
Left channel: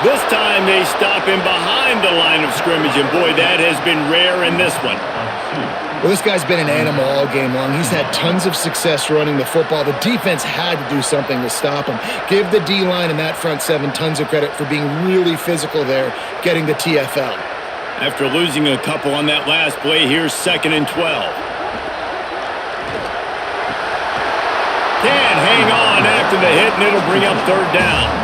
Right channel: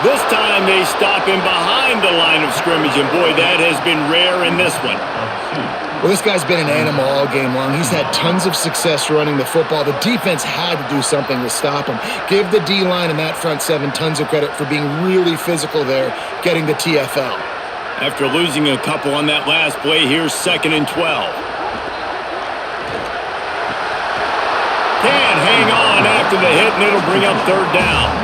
This time they stop him behind the line of scrimmage, and boy, that has been rare in this one. Well, this guy's been an animal all game long. He's had tons of success running the football. The defense had to do something to stop him. Give the D-line and that front 7 tons of credit for being really physical there, getting the TFL. After losing a couple on that last play, here's 2nd and 12. Can't hang on after the hit, and it'll bring up 3rd down.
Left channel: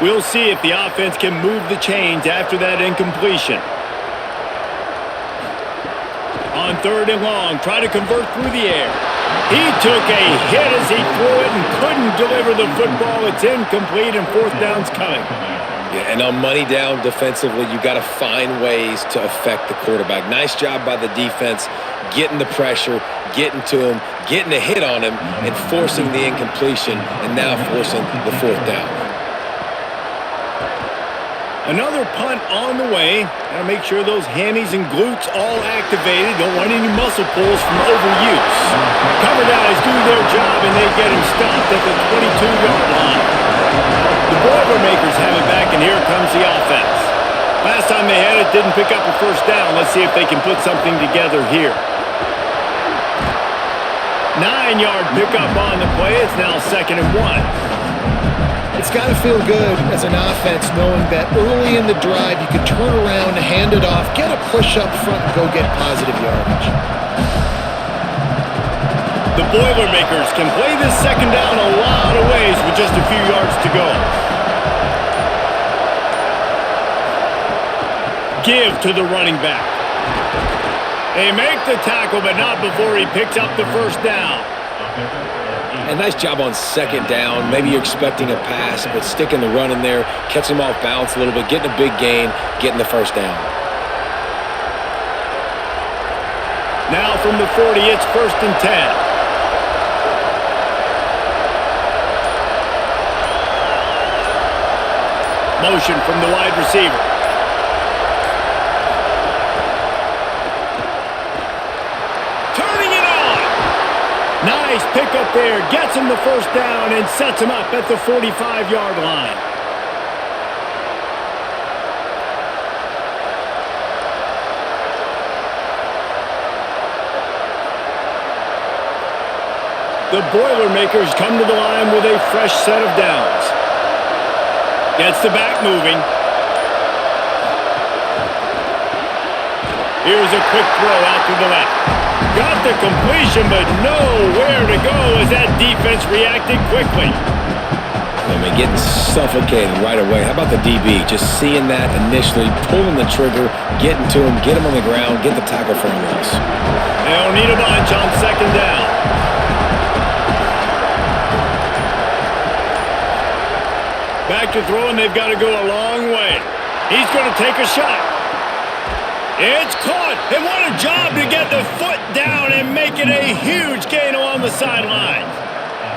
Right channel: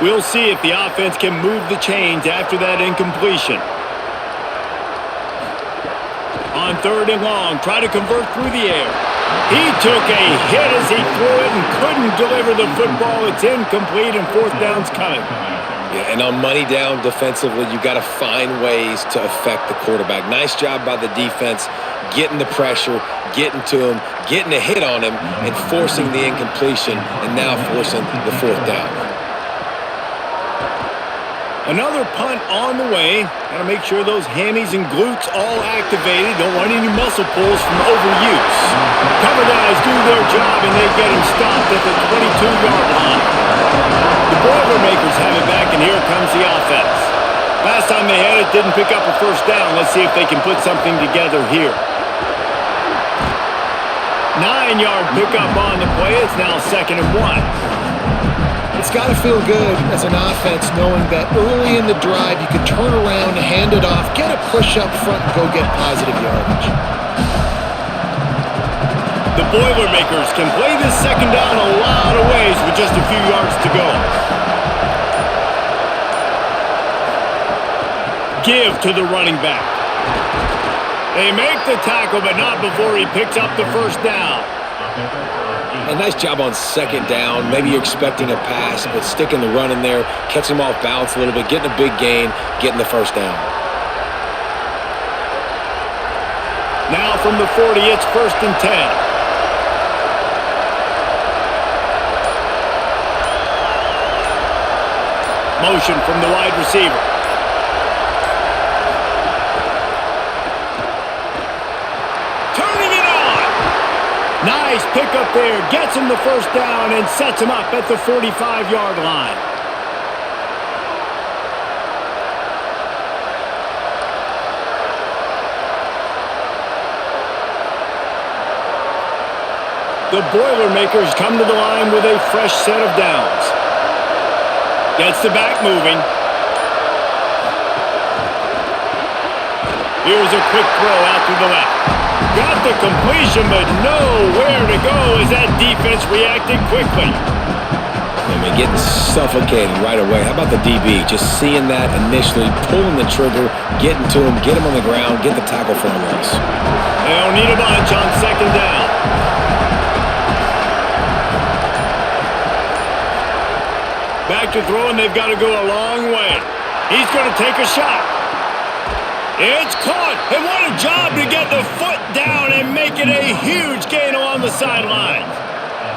We'll see if the offense can move the chains after that incompletion. On 3rd and long, try to convert through the air. He took a hit as he threw it and couldn't deliver the football. It's incomplete, and 4th down's coming. Yeah, and on money down defensively, you got to find ways to affect the quarterback. Nice job by the defense, getting the pressure, getting to him, getting a hit on him, and forcing the incompletion, and now forcing the 4th down. Another punt on the way. Got to make sure those hammies and glutes all activated. Don't want any muscle pulls from overuse. Cover guys do their job, and they get him stopped at the 22-yard line. The Boilermakers have it back, and here comes the offense. Last time they had it, didn't pick up a 1st down. Let's see if they can put something together here. 9-yard pickup on the play. It's now 2nd and 1. It's got to feel good as an offense knowing that early in the drive you can turn around, hand it off, get a push up front, and go get positive yardage. The Boilermakers can play this 2nd down a lot of ways with just a few yards to go. Give to the running back. They make the tackle, but not before he picks up the 1st down. And nice job on 2nd down. Maybe you're expecting a pass, but sticking the run in there, catching them off balance a little bit, getting a big gain, getting the 1st down. Now from the 40, it's 1st and 10. Motion from the wide receiver. Turning it on. Nice pickup there. Gets him the 1st down and sets him up at the 45-yard line. The Boilermakers come to the line with a fresh set of downs. Gets the back moving. Here's a quick throw out to the left. Got the completion, but nowhere to go as that defense reacted quickly. I mean, getting suffocated right away. How about the DB? Just seeing that initially, pulling the trigger, getting to him, get him on the ground, get the tackle for a loss. They'll need a bunch on 2nd down. Back to throwing, they've got to go a long way. He's going to take a shot. It's caught, and what a job to get the foot down and make it a huge gain along the sideline.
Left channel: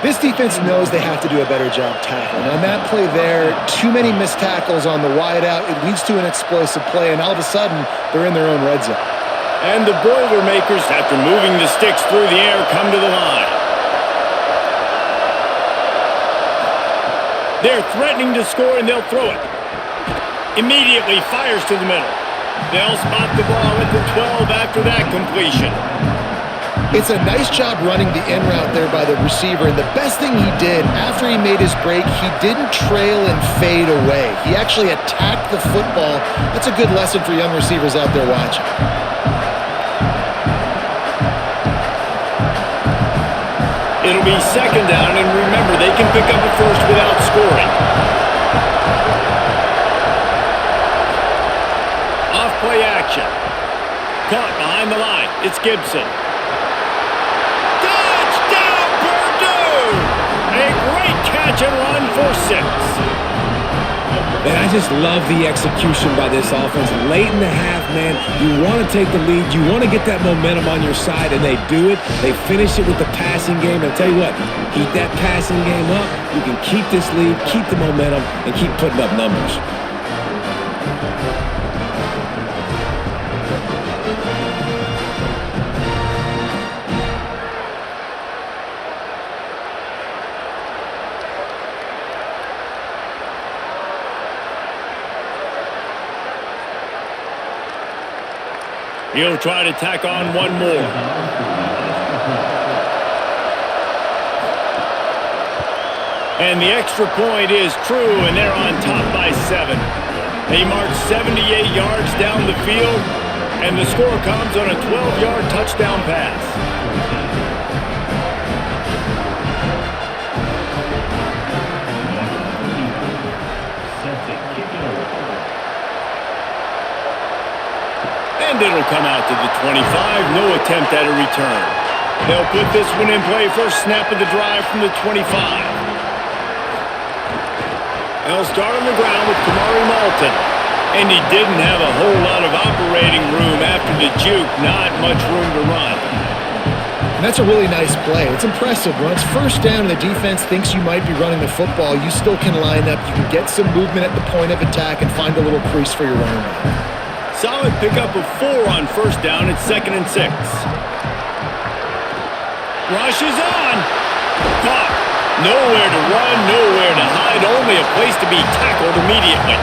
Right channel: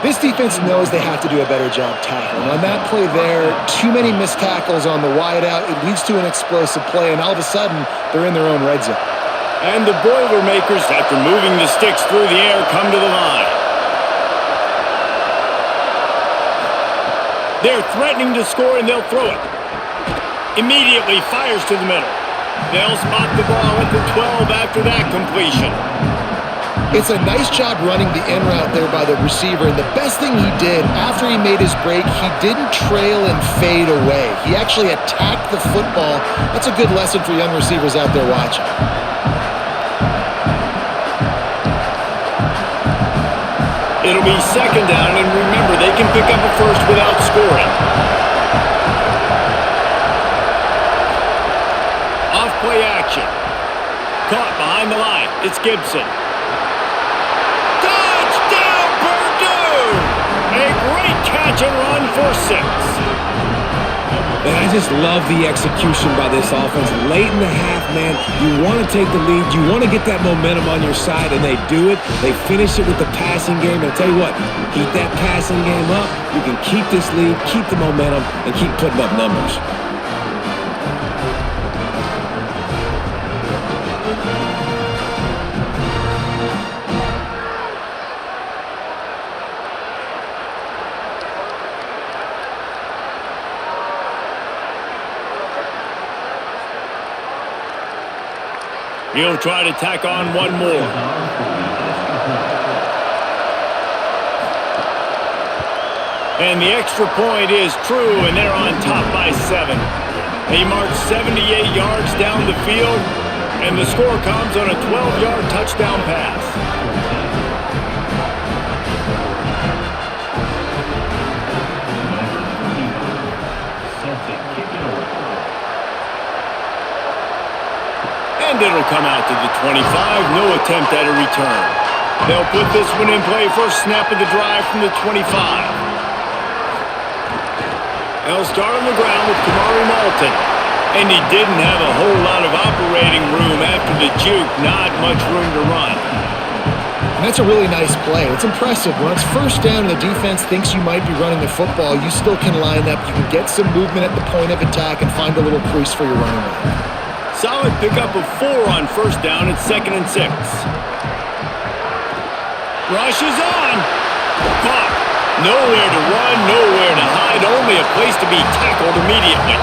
This defense knows they have to do a better job tackling. On that play there, too many missed tackles on the wide out. It leads to an explosive play, and all of a sudden, they're in their own red zone. And the Boilermakers, after moving the sticks through the air, come to the line. They're threatening to score, and they'll throw it. Immediately fires to the middle. They'll spot the ball at the 12 after that completion. It's a nice job running the in route there by the receiver, and the best thing he did after he made his break, he didn't trail and fade away. He actually attacked the football. That's a good lesson for young receivers out there watching. It'll be 2nd down, and remember, they can pick up a 1st without scoring. Off-play action. Caught behind the line. It's Gibson. Touchdown, Purdue! A great catch and run for 6. And I just love the execution by this offense. Late in the half, man, you want to take the lead. You want to get that momentum on your side, and they do it. They finish it with the passing game. And I'll tell you what, keep that passing game up. You can keep this lead, keep the momentum, and keep putting up numbers. He'll try to tack on one more. And the extra point is true, and they're on top by 7. They march 78 yards down the field, and the score comes on a 12-yard touchdown pass. And it'll come out to the 25. No attempt at a return. They'll put this one in play. First snap of the drive from the 25. They'll start on the ground with Kamari Malton. And he didn't have a whole lot of operating room after the juke. Not much room to run. And that's a really nice play. It's impressive. When it's first down and the defense thinks you might be running the football, you still can line up. You can get some movement at the point of attack and find a little crease for your running back. Solid pickup of 4 on first down. It's 2nd and 6. Rush is on. Caught. Nowhere to run, nowhere to hide. Only a place to be tackled immediately.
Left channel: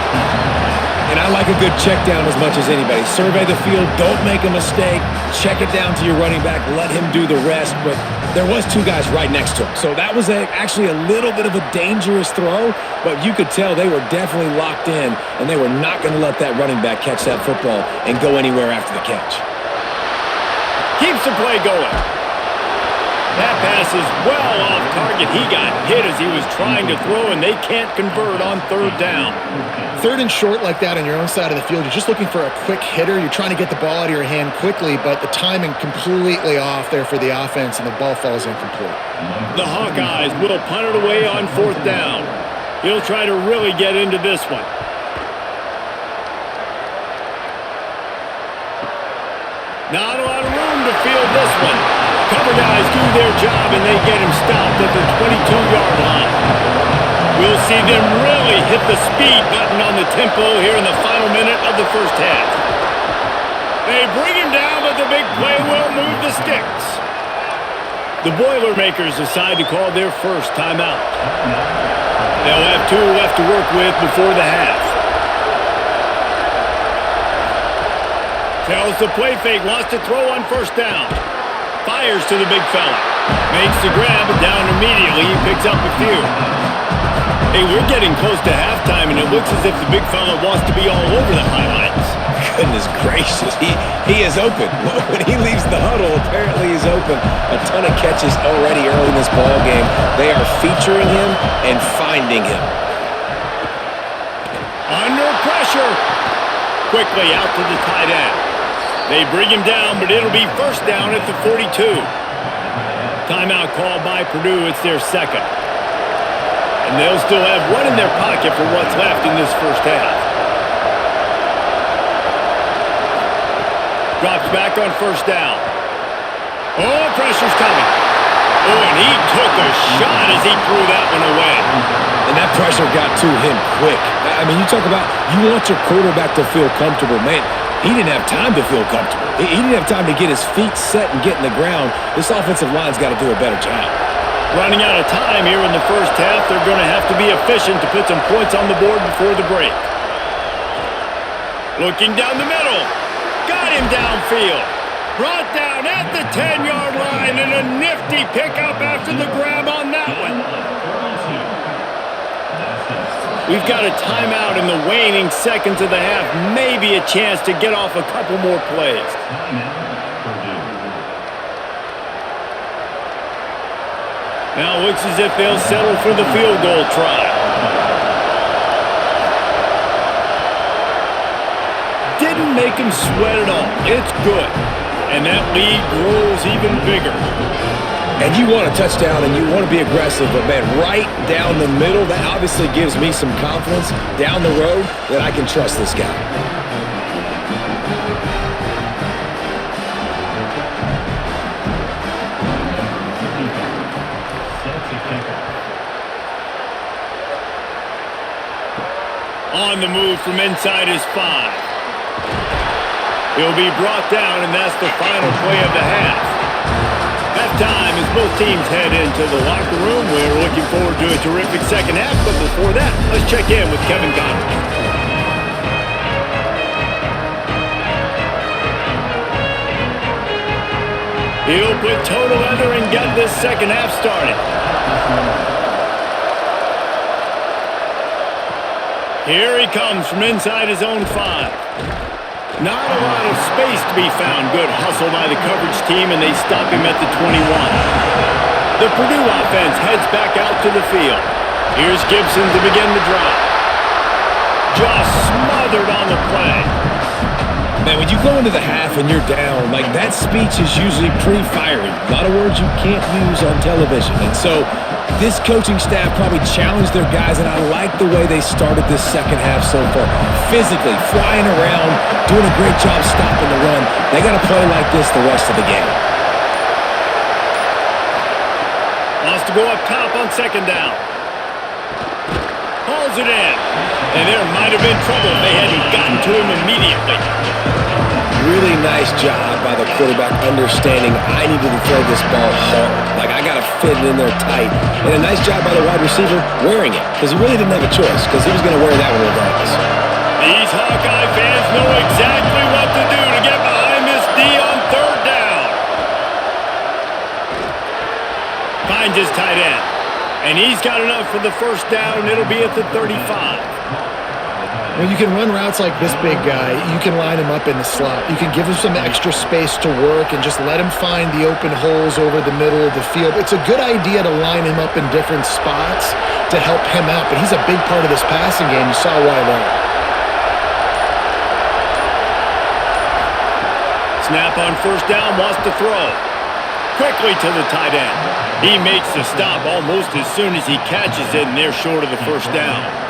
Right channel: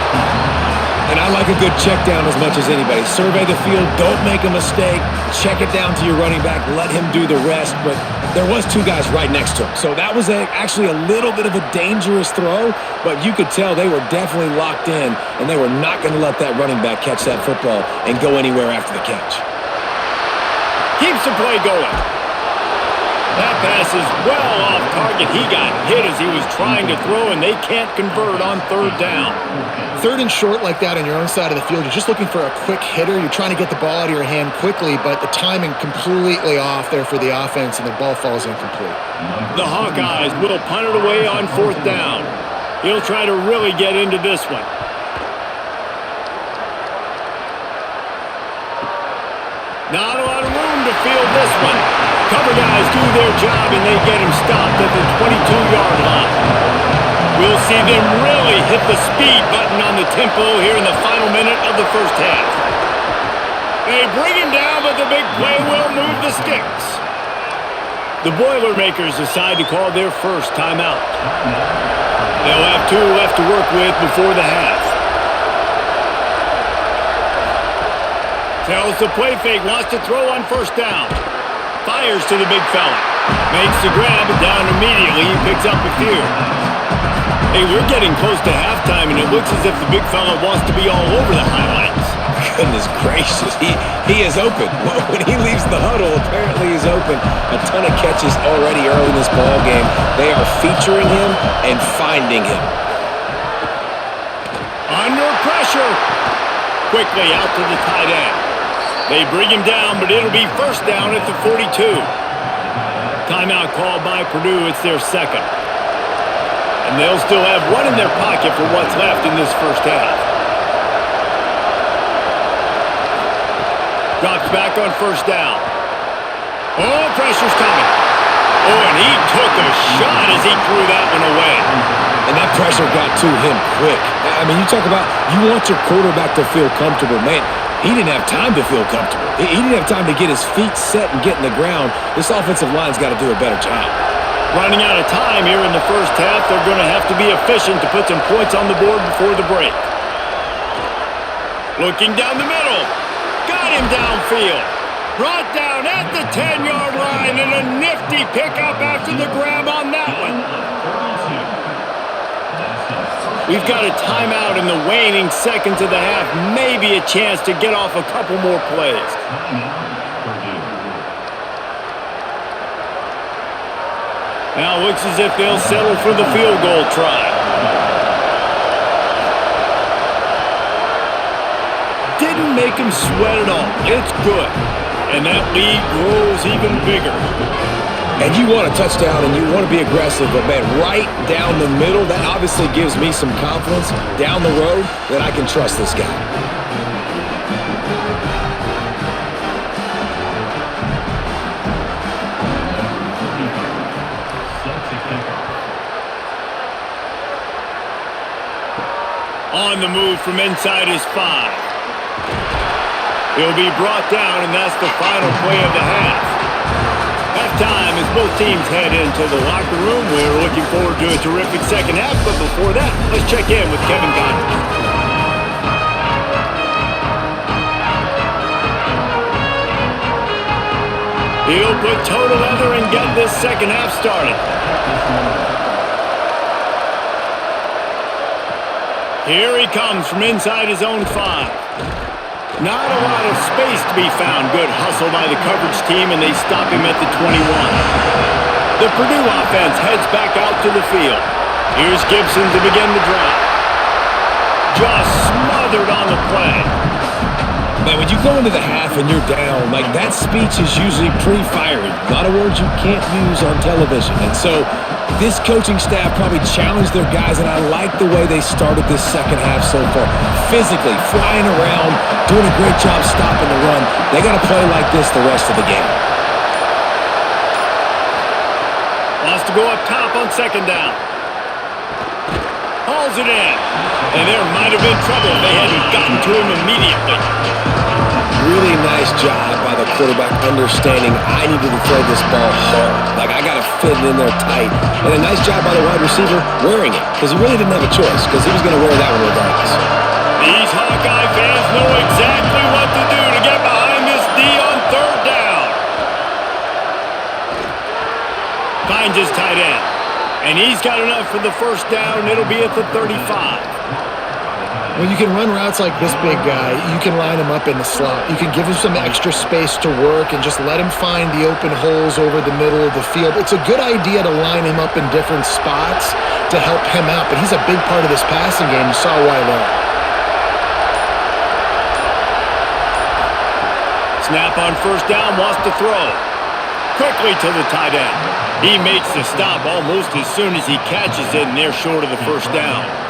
And I like a good check down as much as anybody. Survey the field, don't make a mistake, check it down to your running back, let him do the rest. But there was 2 guys right next to him. So that was actually a little bit of a dangerous throw, but you could tell they were definitely locked in, and they were not going to let that running back catch that football and go anywhere after the catch. Keeps the play going. That pass is well off target. He got hit as he was trying to throw, and they can't convert on 3rd down. 3rd and short like that on your own side of the field, you're just looking for a quick hitter. You're trying to get the ball out of your hand quickly, but the timing completely off there for the offense, and the ball falls incomplete. The Hawkeyes will punt it away on 4th down. He'll try to really get into this one. Not a lot of room to field this one. Cover guys do their job, and they get him stopped at the 22-yard line. We'll see them really hit the speed button on the tempo here in the final minute of the first half. They bring him down, but the big play will move the sticks. The Boilermakers decide to call their first timeout. They'll have 2 left to work with before the half. Tells the play fake, wants to throw on first down. Fires to the big fella. Makes the grab, but down immediately. He picks up a few. Hey, we're getting close to halftime, and it looks as if the big fella wants to be all over the highlights. Goodness gracious, he is open. When he leaves the huddle, apparently he's open. A ton of catches already early in this ball game. They are featuring him and finding him. Under pressure. Quickly out to the tight end. They bring him down, but it'll be first down at the 42. Timeout called by Purdue. It's their 2nd. And they'll still have 1 in their pocket for what's left in this first half. Drops back on first down. Oh, pressure's coming. Oh, and he took a shot as he threw that one away. And that pressure got to him quick. I mean, you talk about you want your quarterback to feel comfortable. Man, he didn't have time to feel comfortable. He didn't have time to get his feet set and get in the ground. This offensive line's got to do a better job. Running out of time here in the first half. They're going to have to be efficient to put some points on the board before the break. Looking down the middle. Got him downfield. Brought down at the 10-yard line, and a nifty pickup after the grab on that one. We've got a timeout in the waning seconds of the half. Maybe a chance to get off a couple more plays. Now looks as if they'll settle for the field goal try. Didn't make him sweat at all. It's good. And that lead grows even bigger. And you want a touchdown and you want to be aggressive, but man, right down the middle, that obviously gives me some confidence down the road that I can trust this guy. Number 35, set to kick off. On the move from inside his 5. He'll be brought down, and that's the final play of the half. Halftime as both teams head into the locker room. We're looking forward to a terrific second half, but before that, let's check in with Kevin Connors. He'll put total leather and get this second half started. Here he comes from inside his own 5. Not a lot of space to be found. Good hustle by the coverage team, and they stop him at the 21. The Purdue offense heads back out to the field. Here's Gibson to begin the drive. Just smothered on the play. Man, when you go into the half and you're down, like that speech is usually pretty fiery. A lot of words you can't use on television. And so this coaching staff probably challenged their guys, and I like the way they started this second half so far. Physically, flying around, doing a great job stopping the run. They got to play like this the rest of the game. Wants to go up top on second down. Hauls it in. And there might have been trouble if they hadn't gotten to him immediately. Really nice job by the quarterback understanding I needed to throw this ball hard. Like, I got to fit it in there tight. And a nice job by the wide receiver wearing it, because he really didn't have a choice, because he was going to wear that one regardless. These Hawkeye fans know exactly what to do to get behind this D on third down. Finds his tight end. And he's got enough for the first down. It'll be at the 35. When you can run routes like this big guy, you can line him up in the slot. You can give him some extra space to work and just let him find the open holes over the middle of the field. It's a good idea to line him up in different spots to help him out, but he's a big part of this passing game. You saw why there. Snap on first down, wants to throw. Quickly to the tight end. He makes the stop almost as soon as he catches it, and they're short of the first down.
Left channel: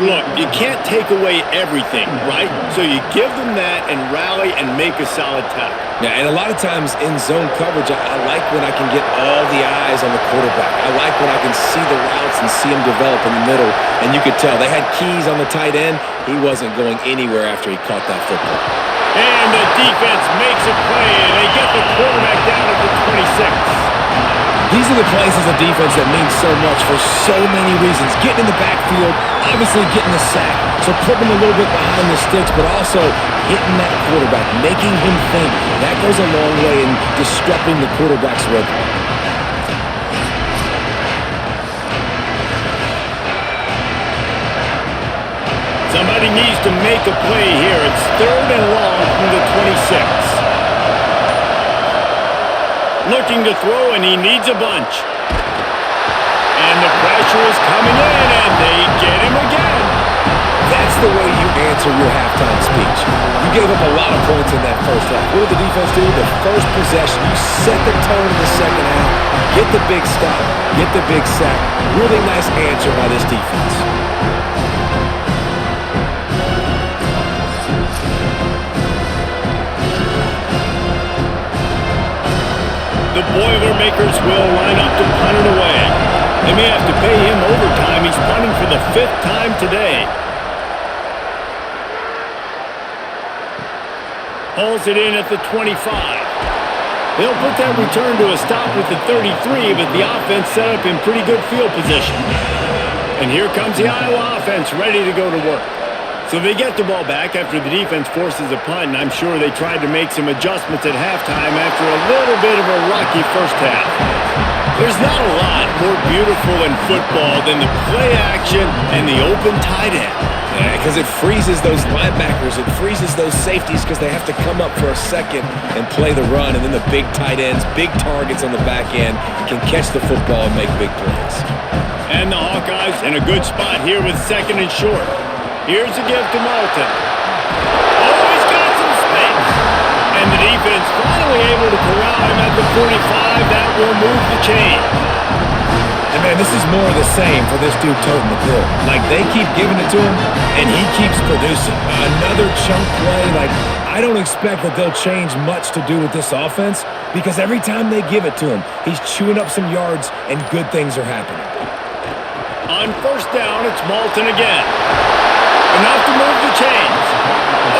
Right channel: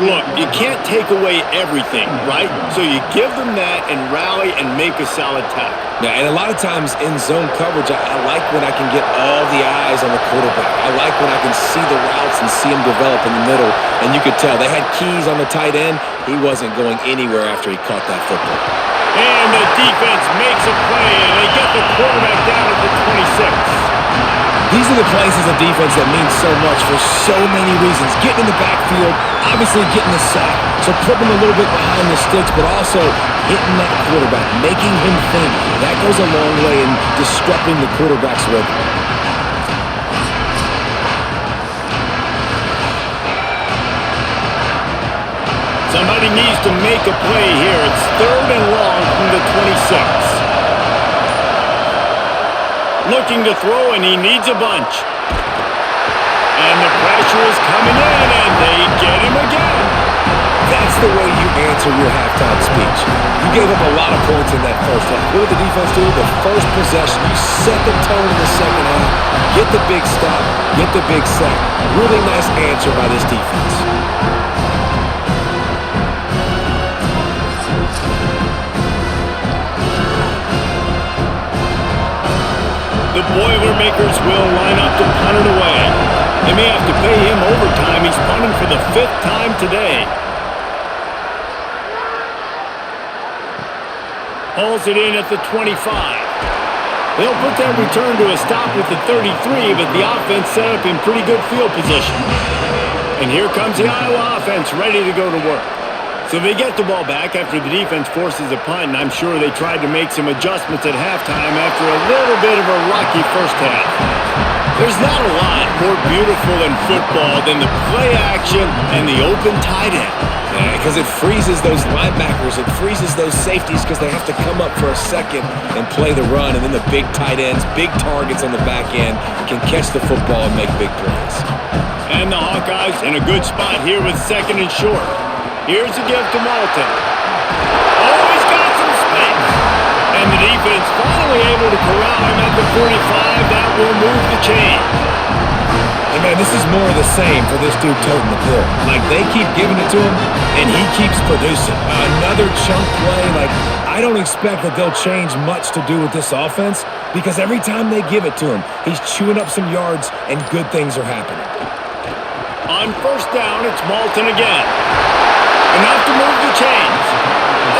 Look, you can't take away everything, right? So you give them that and rally and make a solid tackle. Yeah, and a lot of times in zone coverage, I like when I can get all the eyes on the quarterback. I like when I can see the routes and see him develop in the middle. And you could tell they had keys on the tight end. He wasn't going anywhere after he caught that football. And the defense makes a play, and they get the quarterback down at the 26. These are the plays as a defense that mean so much for so many reasons. Getting in the backfield, obviously getting the sack, so putting him a little bit behind the sticks, but also hitting that quarterback, making him think. That goes a long way in disrupting the quarterback's rhythm. Somebody needs to make a play here. It's third and long from the 26. Looking to throw, and he needs a bunch. And the pressure is coming in, and they get him again. That's the way you answer your halftime speech. You gave up a lot of points in that first half. What did the defense do? The first possession, you set the tone in the second half. Get the big stop, get the big sack. Really nice answer by this defense. The Boilermakers will line up to punt it away. They may have to pay him overtime. He's punting for the 5th time today. Hauls it in at the 25. They'll put that return to a stop at the 33, but the offense set up in pretty good field position. And here comes the Iowa offense ready to go to work. So they get the ball back after the defense forces a punt, and I'm sure they tried to make some adjustments at halftime after a little bit of a rocky first half. There's not a lot more beautiful in football than the play action and the open tight end. Yeah, because it freezes those linebackers. It freezes those safeties because they have to come up for a second and play the run, and then the big tight ends, big targets on the back end can catch the football and make big plays. And the Hawkeyes in a good spot here with second and short. Here's a give to Malton. Oh, he's got some space. And the defense finally able to corral him at the 45. That will move the chains. And, man, this is more of the same for this dude toting the pill. Like, they keep giving it to him, and he keeps producing. Another chunk play. Like, I don't expect that they'll change much to do with this offense because every time they give it to him, he's chewing up some yards, and good things are happening. On first down, it's Malton again. Enough to move the chains.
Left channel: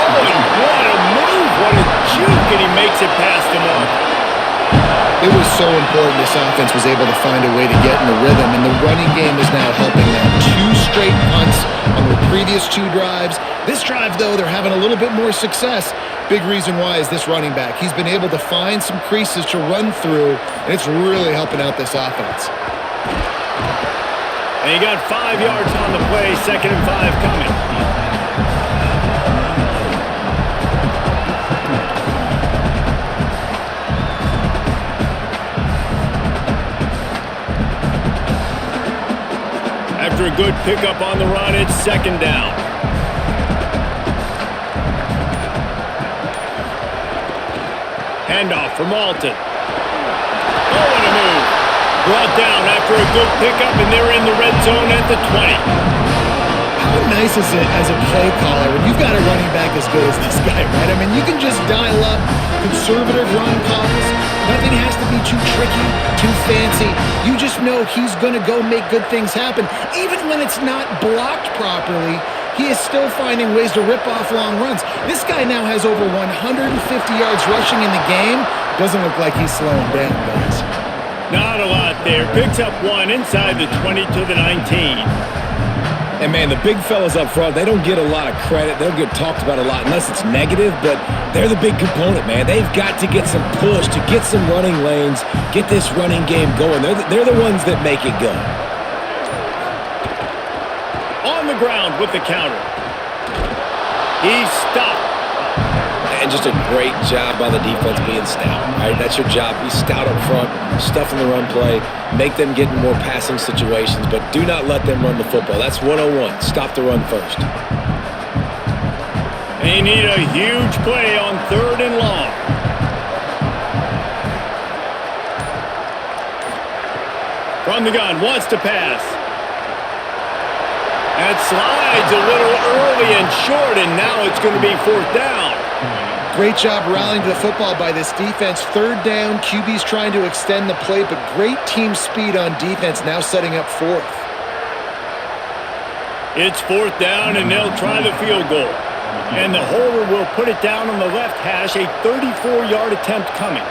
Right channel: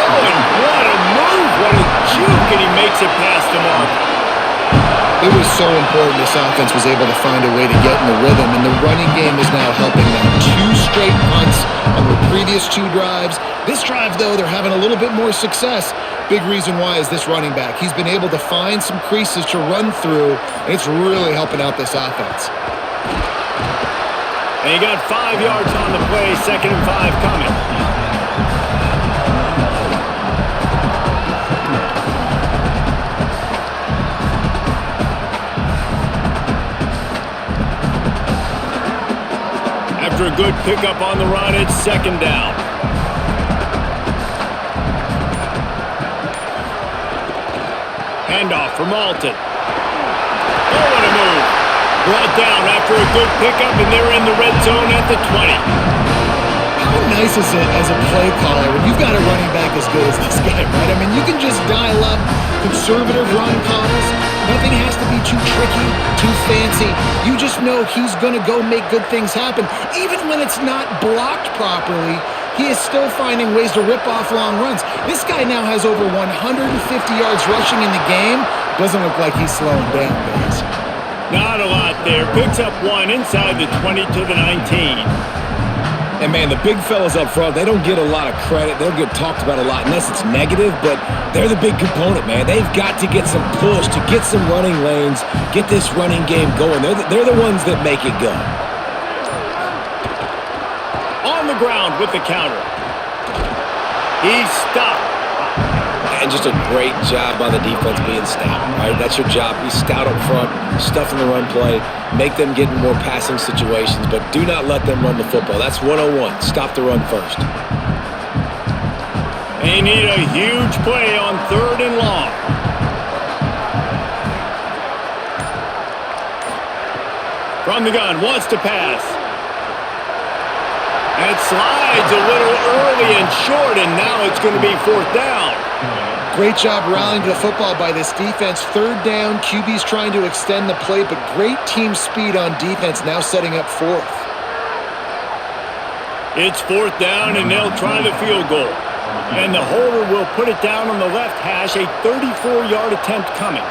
Oh, and what a move. What a juke, and he makes it past the mark. It was so important this offense was able to find a way to get in the rhythm, and the running game is now helping them. 2 straight punts on their previous 2 drives. This drive, though, they're having a little bit more success. Big reason why is this running back. He's been able to find some creases to run through, and it's really helping out this offense. And he got 5 yards on the play, 2nd and 5 coming. After a good pickup on the run, it's 2nd down. Handoff for Malton. Oh, what a move. Brought down after a good pickup, and they're in the red zone at the 20. How nice is it as a play caller when you've got a running back as good as this guy, right? I mean, you can just dial up conservative run calls. Nothing has to be too tricky, too fancy. You just know he's going to go make good things happen. Even when it's not blocked properly, he is still finding ways to rip off long runs. This guy now has over 150 yards rushing in the game. Doesn't look like he's slowing down, guys. Not a lot there. Picks up one inside the 20 to the 19. And, man, the big fellas up front, they don't get a lot of credit. They don't get talked about a lot unless it's negative, but they're the big component, man. They've got to get some push to get some running lanes, get this running game going. They're the ones that make it go. On the ground with the counter. He's stopped. And just a great job by the defense being stout, right? That's your job. Be stout up front, stuff in the run play, make them get in more passing situations, but do not let them run the football. That's 101. Stop the run first. They need a huge play on 3rd and long. From the gun, wants to pass. And slides a little early and short, and now it's going to be 4th down. Great job rallying to the football by this defense. 3rd down, QB's trying to extend the play, but great team speed on defense, now setting up 4th. It's 4th down, and they'll try the field goal. And the holder will put it down on the left hash, a 34-yard attempt coming.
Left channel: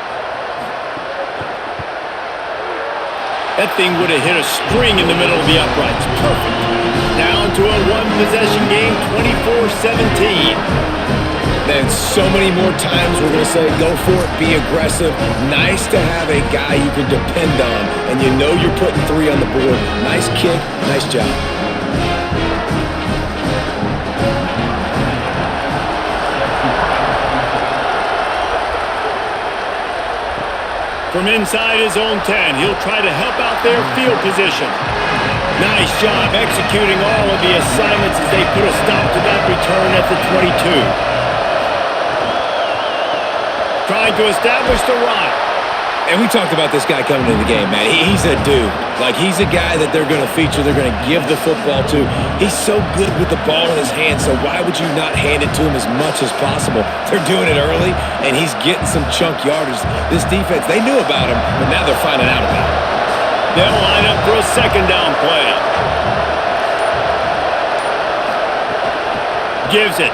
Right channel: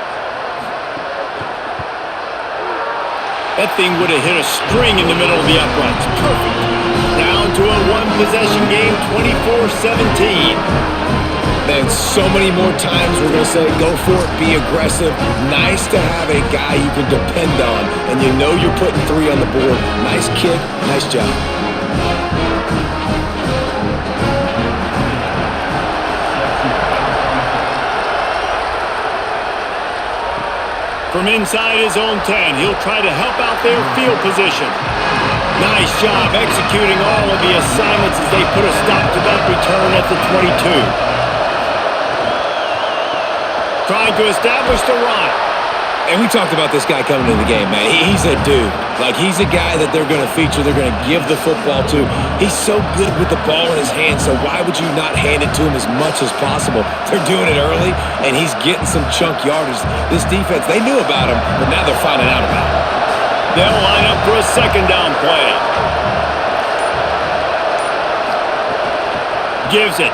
That thing would have hit a string in the middle of the uprights. Perfect. Down to a one-possession game, 24-17. Man, so many more times we're going to say, go for it, be aggressive. Nice to have a guy you can depend on, and you know you're putting 3 on the board. Nice kick, nice job. From inside his own 10, he'll try to help out their field position. Nice job executing all of the assignments as they put a stop to that return at the 22. Trying to establish the run. And we talked about this guy coming into the game, man. He's a dude. Like, he's a guy that they're going to feature, they're going to give the football to. He's so good with the ball in his hands, so why would you not hand it to him as much as possible? They're doing it early, and he's getting some chunk yardage. This defense, they knew about him, but now they're finding out about him. They'll line up for a 2nd down play. Gives it.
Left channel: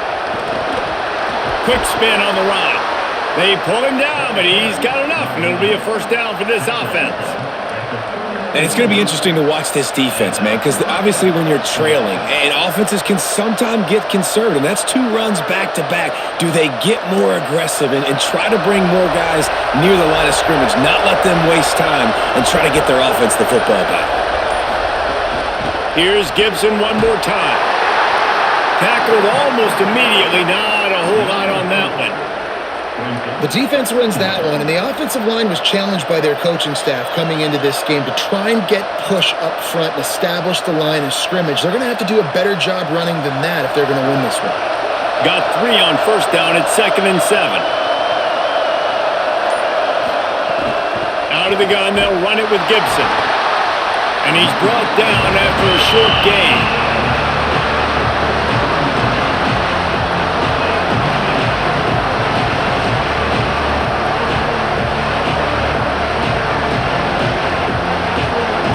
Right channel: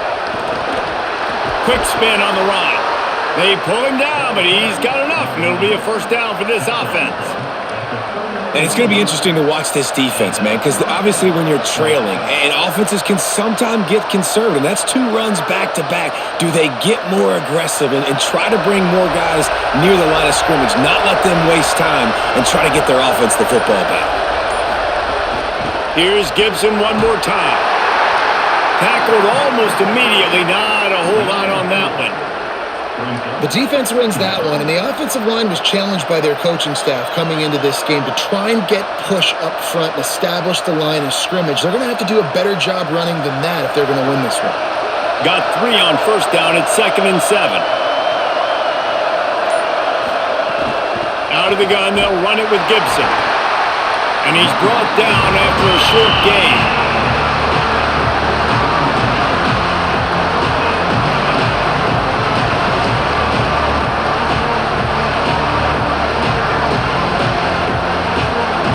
Quick spin on the run. They pull him down, but he's got enough, and it'll be a 1st down for this offense. And it's going to be interesting to watch this defense, man, because obviously when you're trailing, and offenses can sometimes get conservative. That's 2 runs back-to-back. Do they get more aggressive and try to bring more guys near the line of scrimmage, not let them waste time, and try to get their offense the football back? Here's Gibson one more time. Tackled almost immediately. Not a whole lot on that one. The defense wins that one, and the offensive line was challenged by their coaching staff coming into this game to try and get push up front and establish the line of scrimmage. They're going to have to do a better job running than that if they're going to win this one. Got 3 on 1st down. It's 2nd and 7. Out of the gun, they'll run it with Gibson. And he's brought down after a short gain.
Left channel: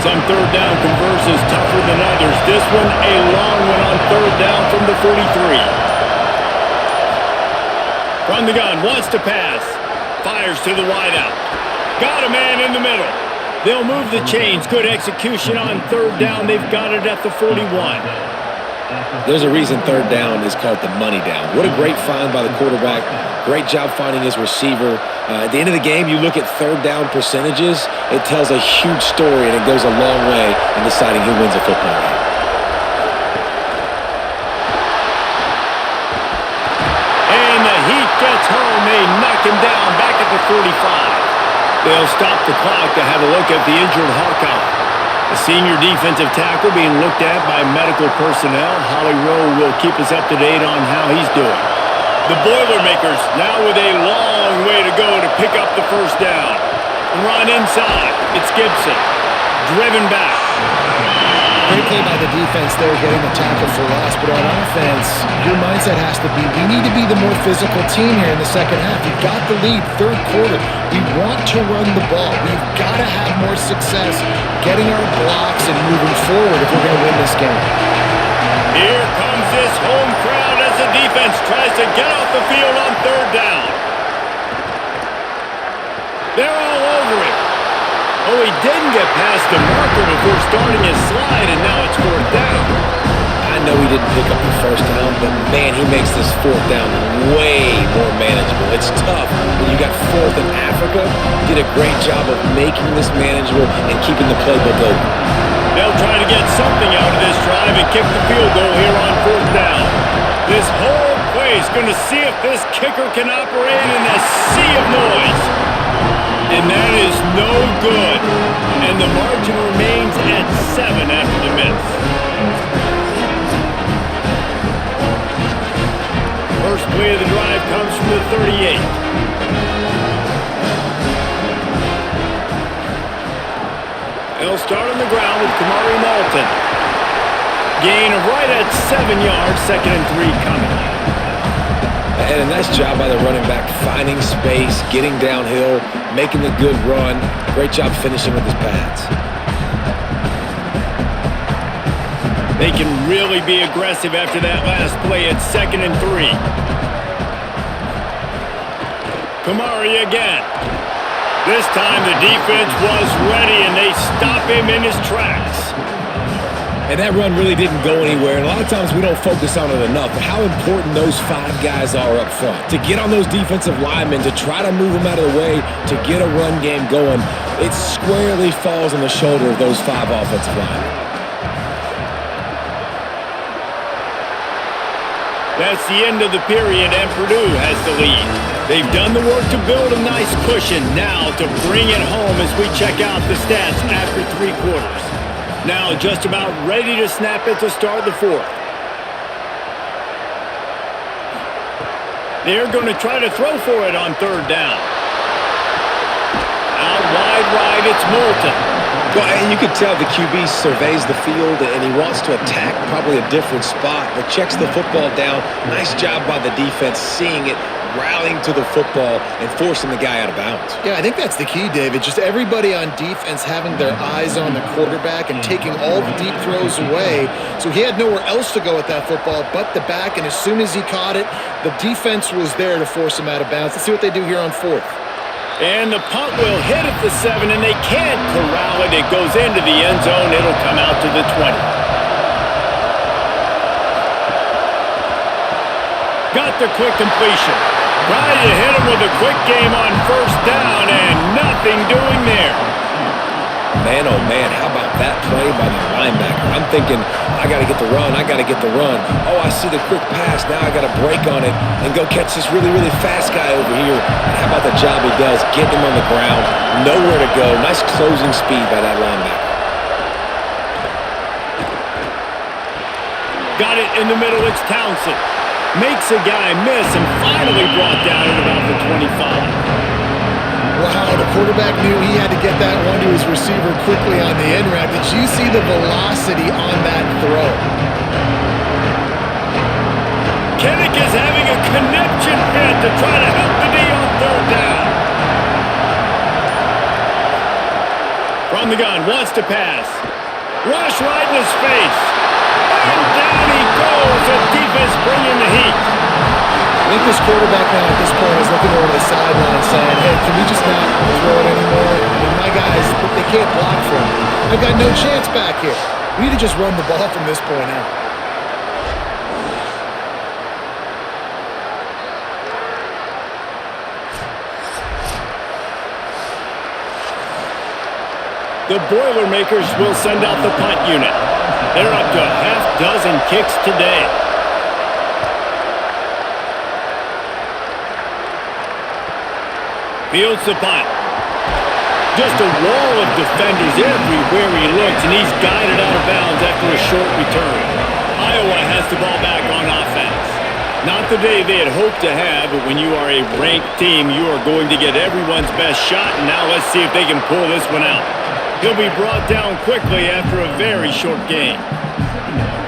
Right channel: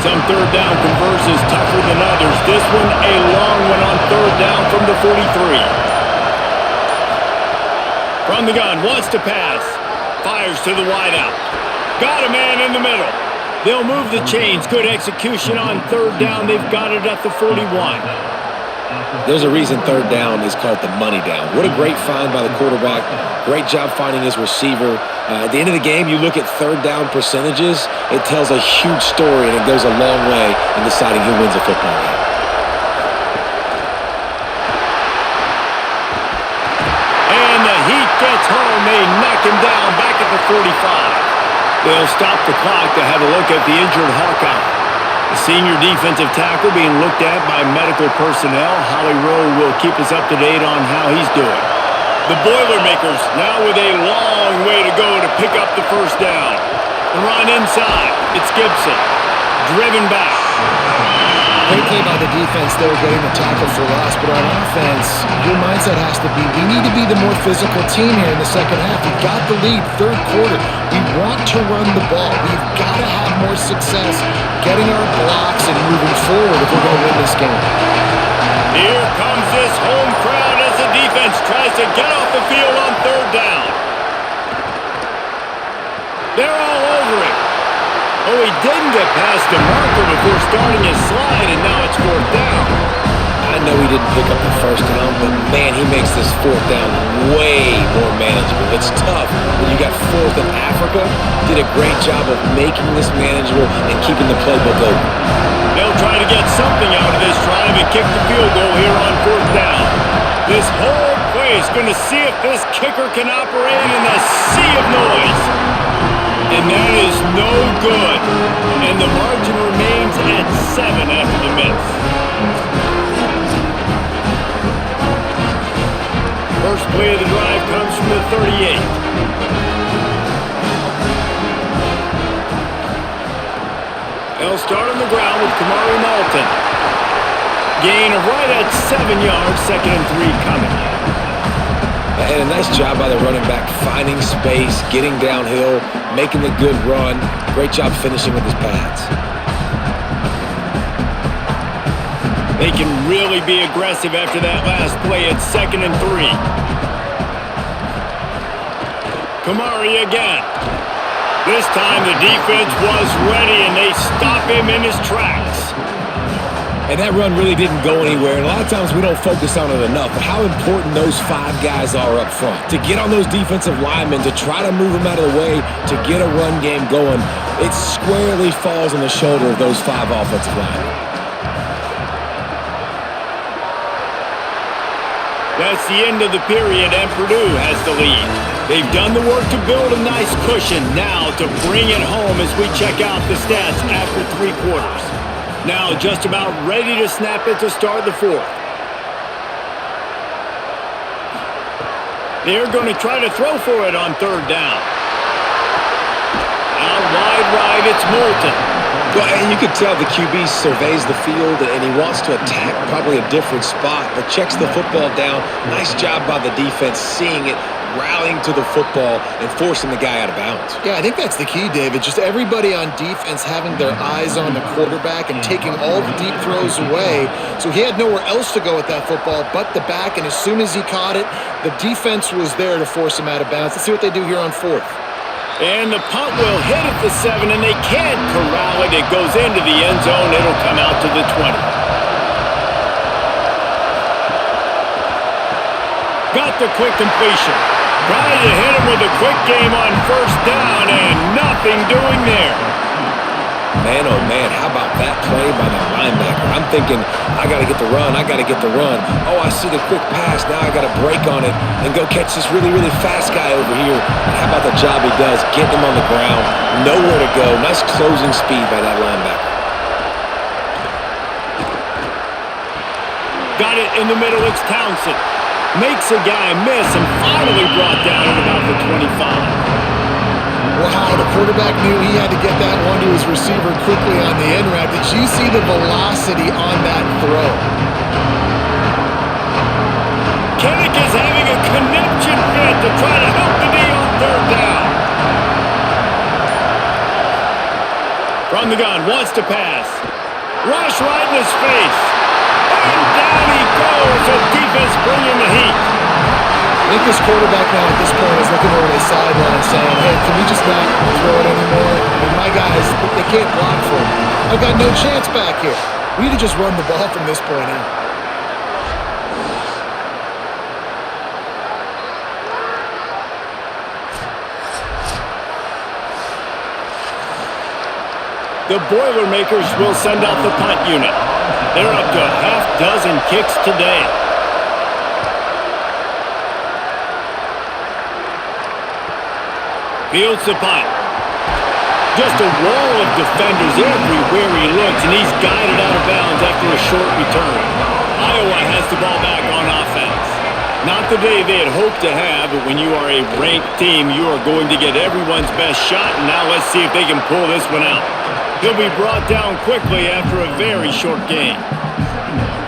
Some 3rd down conversions tougher than others. This one, a long one on 3rd down from the 43. From the gun, wants to pass. Fires to the wideout. Got a man in the middle. They'll move the chains. Good execution on 3rd down. They've got it at the 41. There's a reason 3rd down is called the money down. What a great find by the quarterback. Great job finding his receiver. At the end of the game, you look at 3rd down percentages. It tells a huge story, and it goes a long way in deciding who wins a football game. And the heat gets home. They knock him down back at the 45. They'll stop the clock to have a look at the injured Hawkeye. The senior defensive tackle being looked at by medical personnel. Holly Rowe will keep us up to date on how he's doing. The Boilermakers now with a long way to go to pick up the first down. The run inside. It's Gibson. Driven back. Great play by the defense there, getting the tackle for loss. But on offense, your mindset has to be, we need to be the more physical team here in the second half. We've got the lead, third quarter. We want to run the ball. We've got to have more success getting our blocks and moving forward if we're going to win this game. Here comes this home crowd as the defense tries to get off the field on third down. They're all over him. Oh, he didn't get past the marker before starting his slide, and now it's fourth down. I know he didn't pick up the first down, but man, he makes this fourth down way more manageable. It's tough when you got fourth in Africa. Did a great job of making this manageable and keeping the playbook open. They'll try to get something out of this drive and kick the field goal here on fourth down. This whole place going to see if this kicker can operate in a sea of noise. And that is no good. And the margin remains at 7 after the miss. First play of the drive comes from the 38. They'll start on the ground with Kamari Malton. Gain of right at 7 yards, 2nd and 3 coming. And a nice job by the running back, finding space, getting downhill, making the good run. Great job finishing with his pads. They can really be aggressive after that last play at 2nd and 3. Kamari again. This time the defense was ready and they stop him in his tracks. And that run really didn't go anywhere. And a lot of times we don't focus on it enough. But how important those 5 guys are up front. To get on those defensive linemen, to try to move them out of the way, to get a run game going, it squarely falls on the shoulder of those 5 offensive linemen. That's the end of the period, and Purdue has the lead. They've done the work to build a nice cushion. Now to bring it home as we check out the stats after 3 quarters. Now just about ready to snap it to start the fourth. They're going to try to throw for it on third down. Out wide right, it's Moulton. Well, and you can tell the QB surveys the field and he wants to attack probably a different spot, but checks the football down. Nice job by the defense seeing it, rallying to the football and forcing the guy out of bounds. Yeah, I think that's the key, David. Just everybody on defense having their eyes on the quarterback and taking all the deep throws away. So he had nowhere else to go with that football but the back, and as soon as he caught it, the defense was there to force him out of bounds. Let's see what they do here on fourth. And the punt will hit at the 7, and they can't corral it. It goes into the end zone. It'll come out to the 20. Got the quick completion. Tried to hit him with a quick game on first down, and nothing doing there. Man, oh man, how about that play by the linebacker? I'm thinking, I got to get the run, I got to get the run. Oh, I see the quick pass, now I got to break on it and go catch this really, really fast guy over here. And how about the job he does, getting him on the ground, nowhere to go. Nice closing speed by that linebacker. Got it in the middle, it's Townsend. Makes a guy miss and finally brought down at about the 25. Wow, the quarterback knew he had to get that one to his receiver quickly on the end route. Did you see the velocity on that throw? Kinnick is having a conniption fit to try to help the D on third down. From the gun, wants to pass. Rush right in his face. And down he goes. The defense bringing the heat. I think this quarterback now at this point is looking over to the sideline saying, hey, can we just not throw it anymore? I mean, my guys, they can't block for me. I've got no chance back here. We need to just run the ball from this point out. The Boilermakers will send out the punt unit. They're up to a half dozen kicks today. Fields the punt. Just a wall of defenders everywhere he looks, and he's guided out of bounds after a short return. Iowa has the ball back on offense. Not the day they had hoped to have, but when you are a ranked team, you are going to get everyone's best shot, and now let's see if they can pull this one out. He'll be brought down quickly after a very short game.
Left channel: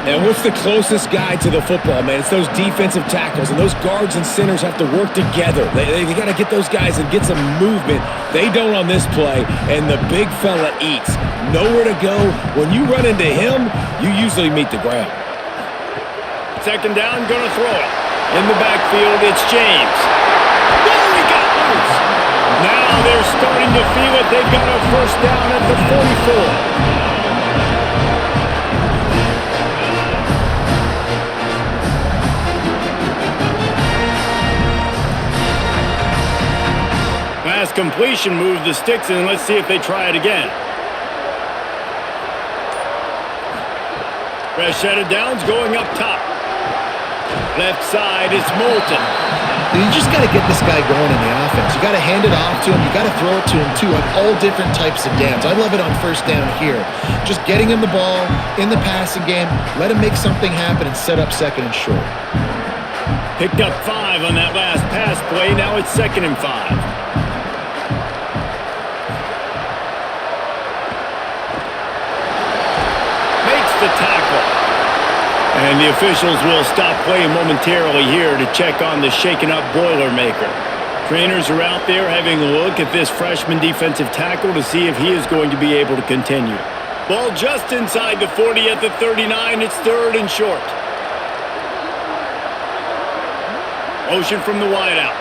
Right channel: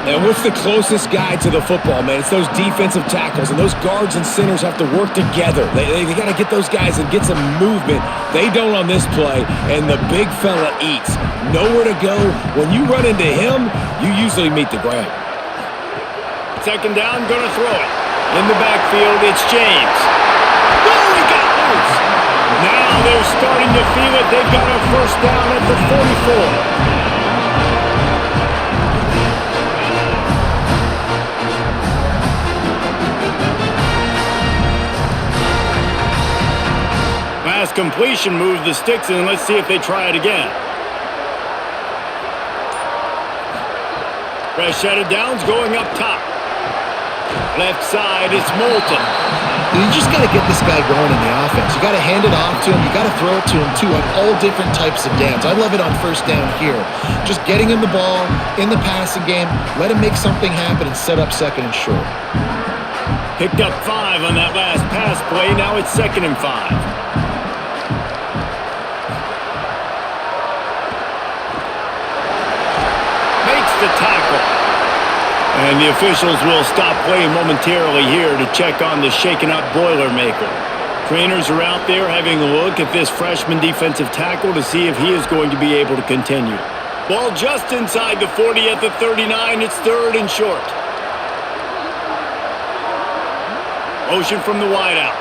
And what's the closest guy to the football, man? It's those defensive tackles, and those guards and centers have to work together. They got to get those guys and get some movement. They don't on this play, and the big fella eats. Nowhere to go. When you run into him, you usually meet the ground. Second down, going to throw it. In the backfield, it's James. Oh, he got loose. Now they're starting to feel it. They've got a first down at the 44. Last completion moves the sticks in. Let's see if they try it again. Fresh set of downs going up top. Left side, it's Moulton. You just got to get this guy going in the offense. You got to hand it off to him. You got to throw it to him, too, on all different types of downs. I love it on first down here. Just getting him the ball in the passing game, let him make something happen and set up second and short. Picked up 5 on that last pass play. Now it's 2nd and 5. Makes the tackle. And the officials will stop play momentarily here to check on the shaken-up Boilermaker. Trainers are out there having a look at this freshman defensive tackle to see if he is going to be able to continue. Ball just inside the 40 at the 39. It's 3rd and short. Motion from the wideout.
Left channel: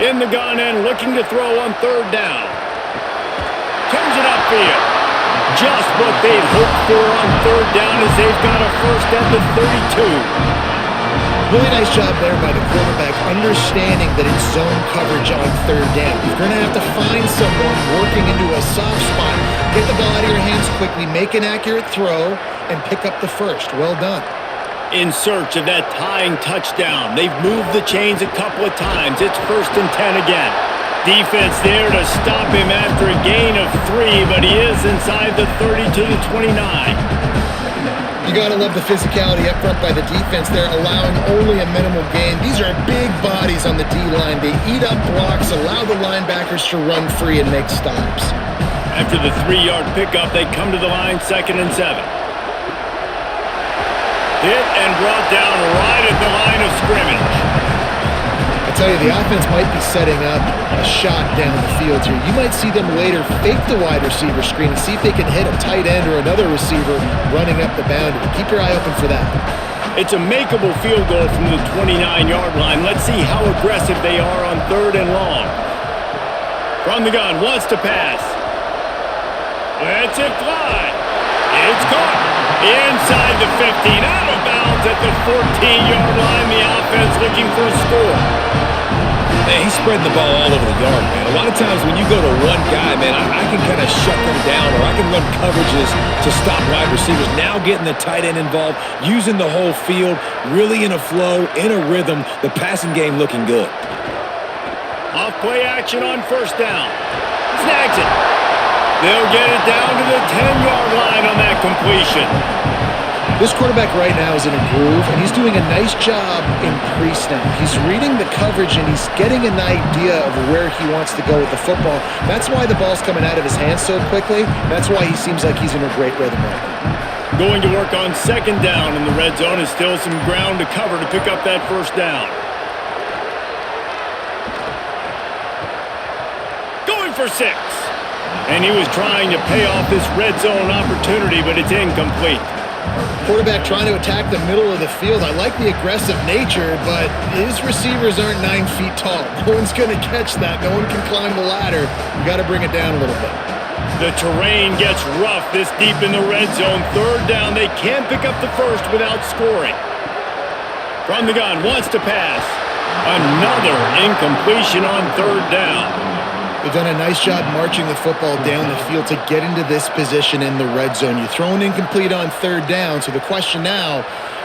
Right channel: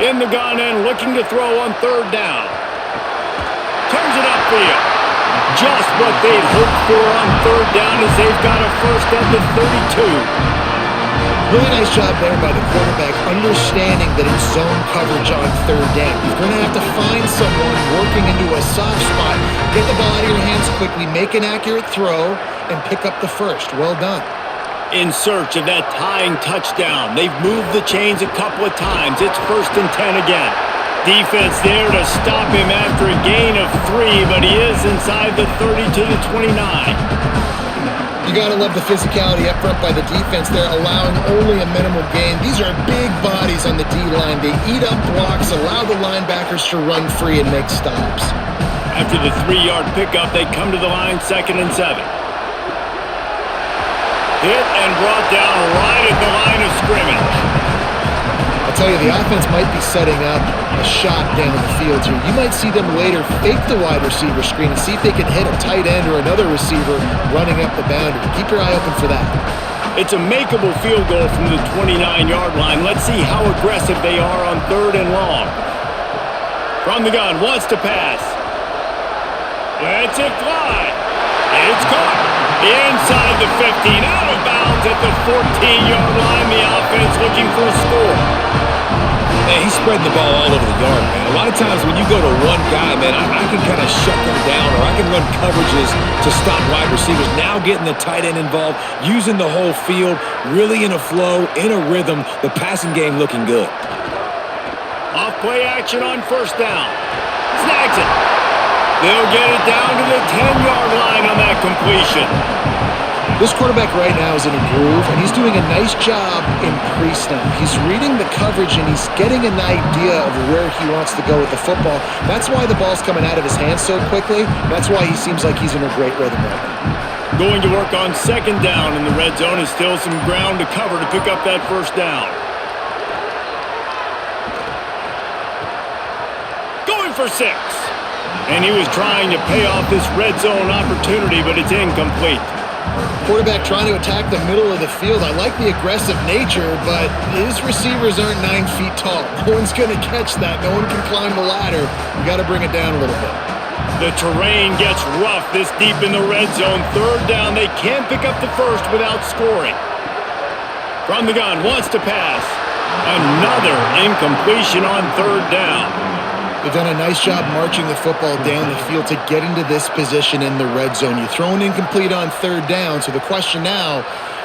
In the gun and looking to throw on 3rd down. Turns it upfield. Just what they'd hoped for on 3rd down as they've got a first at the 32. Really nice job there by the quarterback, understanding that it's zone coverage on 3rd down. You're going to have to find someone working into a soft spot, get the ball out of your hands quickly, make an accurate throw, and pick up the first. Well done. In search of that tying touchdown. They've moved the chains a couple of times. It's 1st and 10 again. Defense there to stop him after a gain of 3, but he is inside the 30 to the 29. You got to love the physicality up front by the defense there, allowing only a minimal gain. These are big bodies on the D-line. They eat up blocks, allow the linebackers to run free and make stops. After the 3-yard pickup, they come to the line, 2nd and 7. Hit and brought down right at the line of scrimmage. I'll tell you, the offense might be setting up a shot down the field here. You might see them later fake the wide receiver screen and see if they can hit a tight end or another receiver running up the boundary. Keep your eye open for that. It's a makeable field goal from the 29-yard line. Let's see how aggressive they are on 3rd and long. From the gun, wants to pass. Lets it fly. It's caught. Inside the 15, out of bounds at the 14-yard line. The offense looking for a score. Man, he's spreading the ball all over the yard, man. A lot of times when you go to one guy, man, I can kind of shut them down, or I can run coverages to stop wide receivers. Now getting the tight end involved, using the whole field, really in a flow, in a rhythm, the passing game looking good. Off play action on 1st down. Snags it. They'll get it down to the 10-yard line on that completion. This quarterback right now is in a groove, and he's doing a nice job in pre-snap. He's reading the coverage, and he's getting an idea of where he wants to go with the football. That's why the ball's coming out of his hands so quickly. That's why he seems like he's in a great rhythm right now. Going to work on 2nd down in the red zone. Is still some ground to cover to pick up that 1st down. Going for 6. And he was trying to pay off this red zone opportunity, but it's incomplete. Quarterback trying to attack the middle of the field. I like the aggressive nature, but his receivers aren't 9 feet tall. No one's going to catch that. No one can climb the ladder. You got to bring it down a little bit. The terrain gets rough this deep in the red zone. 3rd down. They can't pick up the first without scoring. From the gun, wants to pass. Another incompletion on 3rd down. They've done a nice job marching the football down the field to get into this position in the red zone. You throw an incomplete on 3rd down, so the question now,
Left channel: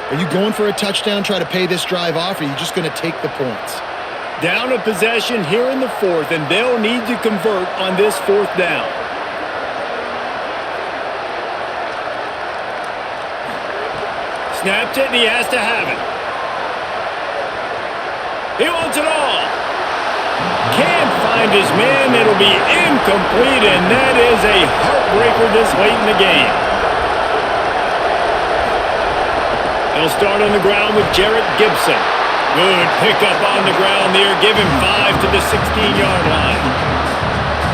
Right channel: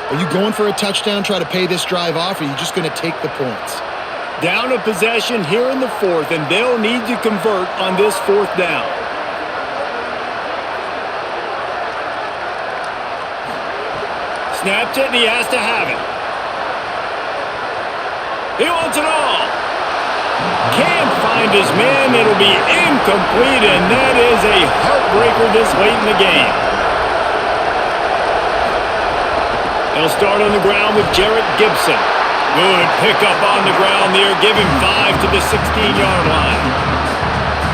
are you going for a touchdown, try to pay this drive off, or are you just going to take the points? Down a possession here in the 4th, and they'll need to convert on this 4th down. Snaps it, and he has to have it. He wants it all. Can't find his man. It'll be incomplete, and that is a heartbreaker this late in the game. They'll start on the ground with Jarrett Gibson. Good pickup on the ground there. Give him 5 to the 16-yard line.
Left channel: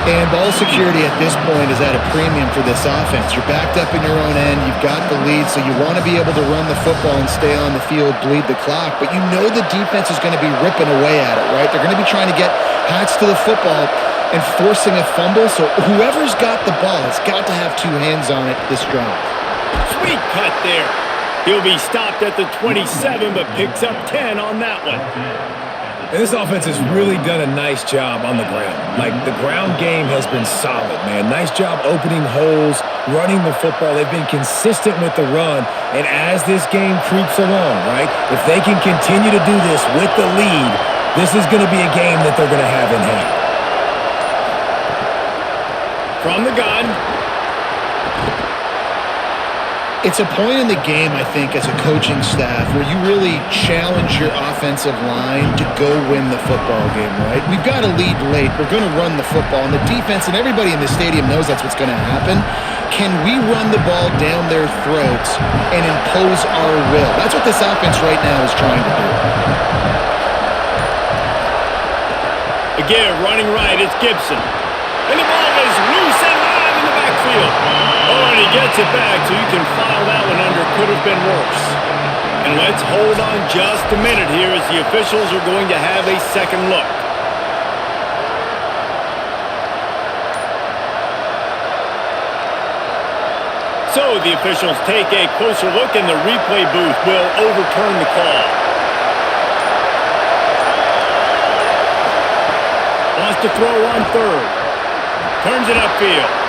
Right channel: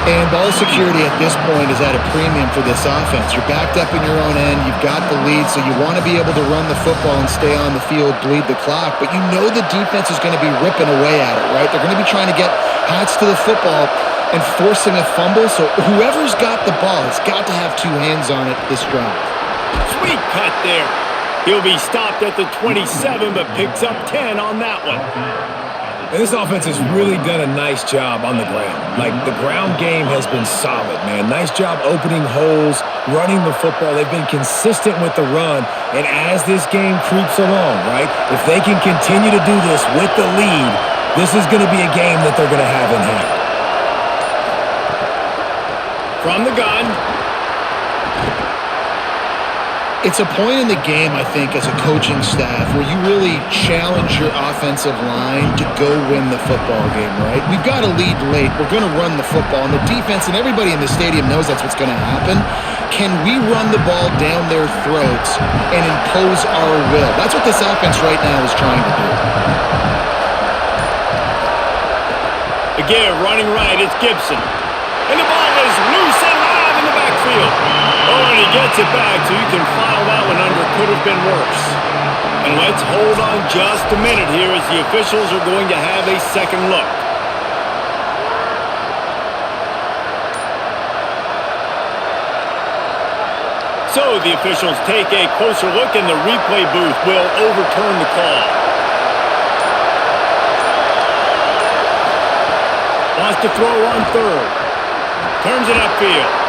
And ball security at this point is at a premium for this offense. You're backed up in your own end. You've got the lead, so you want to be able to run the football and stay on the field, bleed the clock. But you know the defense is going to be ripping away at it, right? They're going to be trying to get hats to the football and forcing a fumble. So whoever's got the ball has got to have 2 hands on it this drive. Sweet cut there. He'll be stopped at the 27, but picks up 10 on that one. And this offense has really done a nice job on the ground. Like, the ground game has been solid, man. Nice job opening holes, running the football. They've been consistent with the run. And as this game creeps along, right, if they can continue to do this with the lead, this is going to be a game that they're going to have in hand. From the gun. It's a point in the game, I think, as a coaching staff where you really challenge your offensive line to go win the football game, right? We've got a lead late. We're going to run the football. And the defense and everybody in the stadium knows that's what's going to happen. Can we run the ball down their throats and impose our will? That's what this offense right now is trying to do. Again, running right, it's Gibson. And the ball is loose and live in the backfield. Oh, and he gets it back, so you can file that one under could have been worse. And let's hold on just a minute here as the officials are going to have a second look. So the officials take a closer look, and the replay booth will overturn the call. Wants to throw on third. Turns it upfield.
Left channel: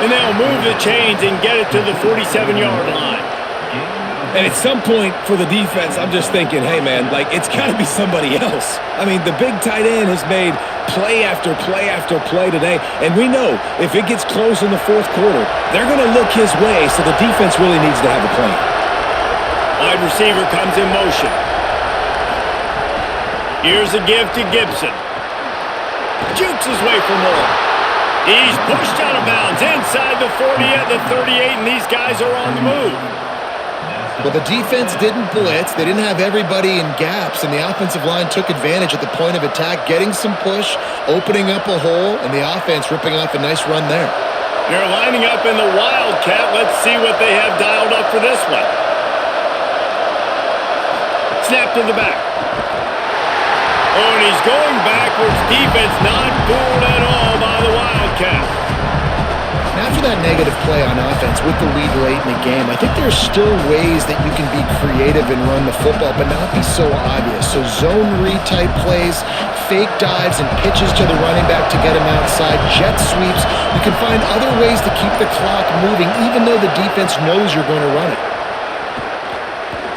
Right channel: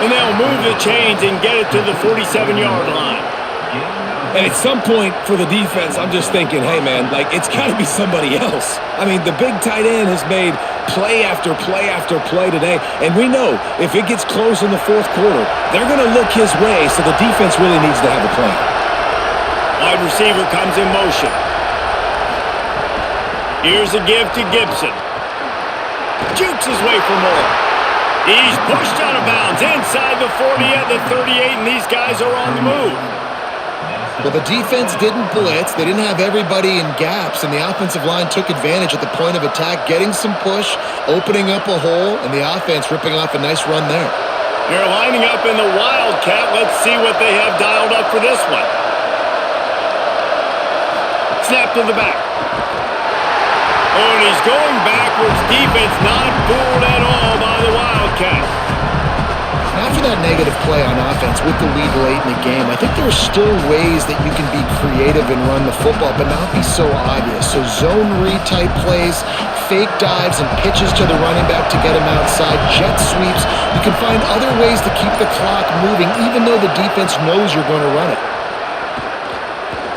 And they'll move the chains and get it to the 47-yard line. And at some point for the defense, I'm just thinking, hey, man, like, it's got to be somebody else. I mean, the big tight end has made play after play after play today. And we know if it gets close in the fourth quarter, they're going to look his way, so the defense really needs to have a plan. Wide receiver comes in motion. Here's a give to Gibson. Jukes his way for more. He's pushed out of bounds inside the 40 at the 38, and these guys are on the move. Well, the defense didn't blitz. They didn't have everybody in gaps, and the offensive line took advantage at the point of attack, getting some push, opening up a hole, and the offense ripping off a nice run there. They're lining up in the Wildcat. Let's see what they have dialed up for this one. Snap to the back. Oh, and he's going backwards. Defense not fooled at all by the Wildcat. And after that negative play on offense with the lead late in the game, I think there's still ways that you can be creative and run the football, but not be so obvious. So zone read type plays, fake dives and pitches to the running back to get him outside, jet sweeps. You can find other ways to keep the clock moving, even though the defense knows you're going to run it.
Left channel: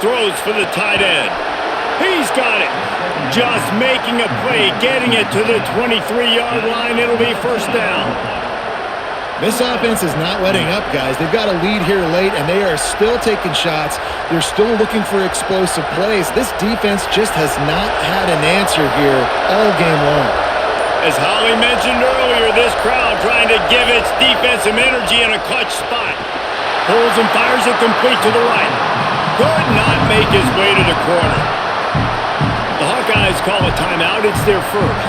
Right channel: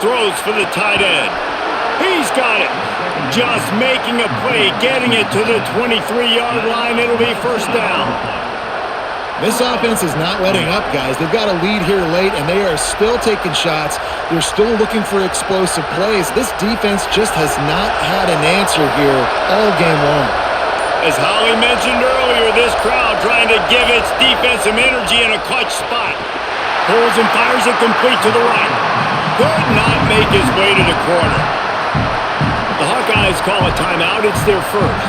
Throws for the tight end. He's got it. Just making a play, getting it to the 23-yard line. It'll be first down. This offense is not letting up, guys. They've got a lead here late, and they are still taking shots. They're still looking for explosive plays. This defense just has not had an answer here all game long. As Holly mentioned earlier, this crowd trying to give its defense some energy in a clutch spot. Pulls and fires it complete to the right. Could not make his way to the corner. The Hawkeyes call a timeout. It's their first.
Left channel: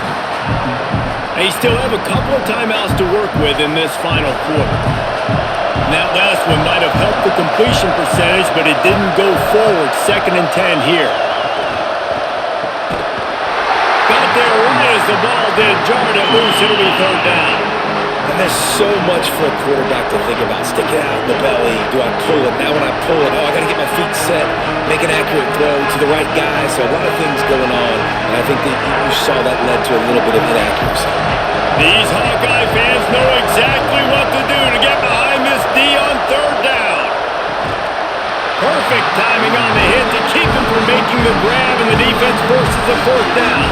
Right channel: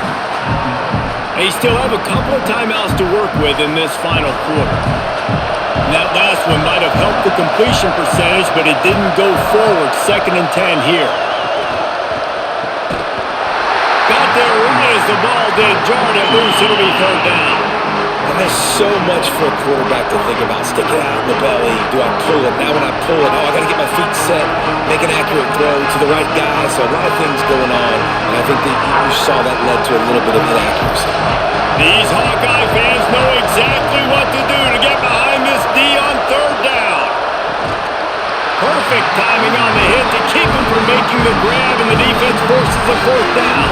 They still have a couple of timeouts to work with in this final quarter. And that last one might have helped the completion percentage, but it didn't go forward. 2nd and 10 here. Got there right as the ball did. Jarred it loose. It'll be third down. And there's so much for a quarterback to think about. Stick it out in the belly. Do I pull it? Now when I pull it, I got to get my feet set, make an accurate throw to the right guy. So a lot of things going on, and I think that you saw that led to a little bit of inaccuracy. These Hawkeye fans know exactly what to do to get behind this D on third down. Perfect timing on the hit to keep him from making the grab, and the defense forces a fourth down.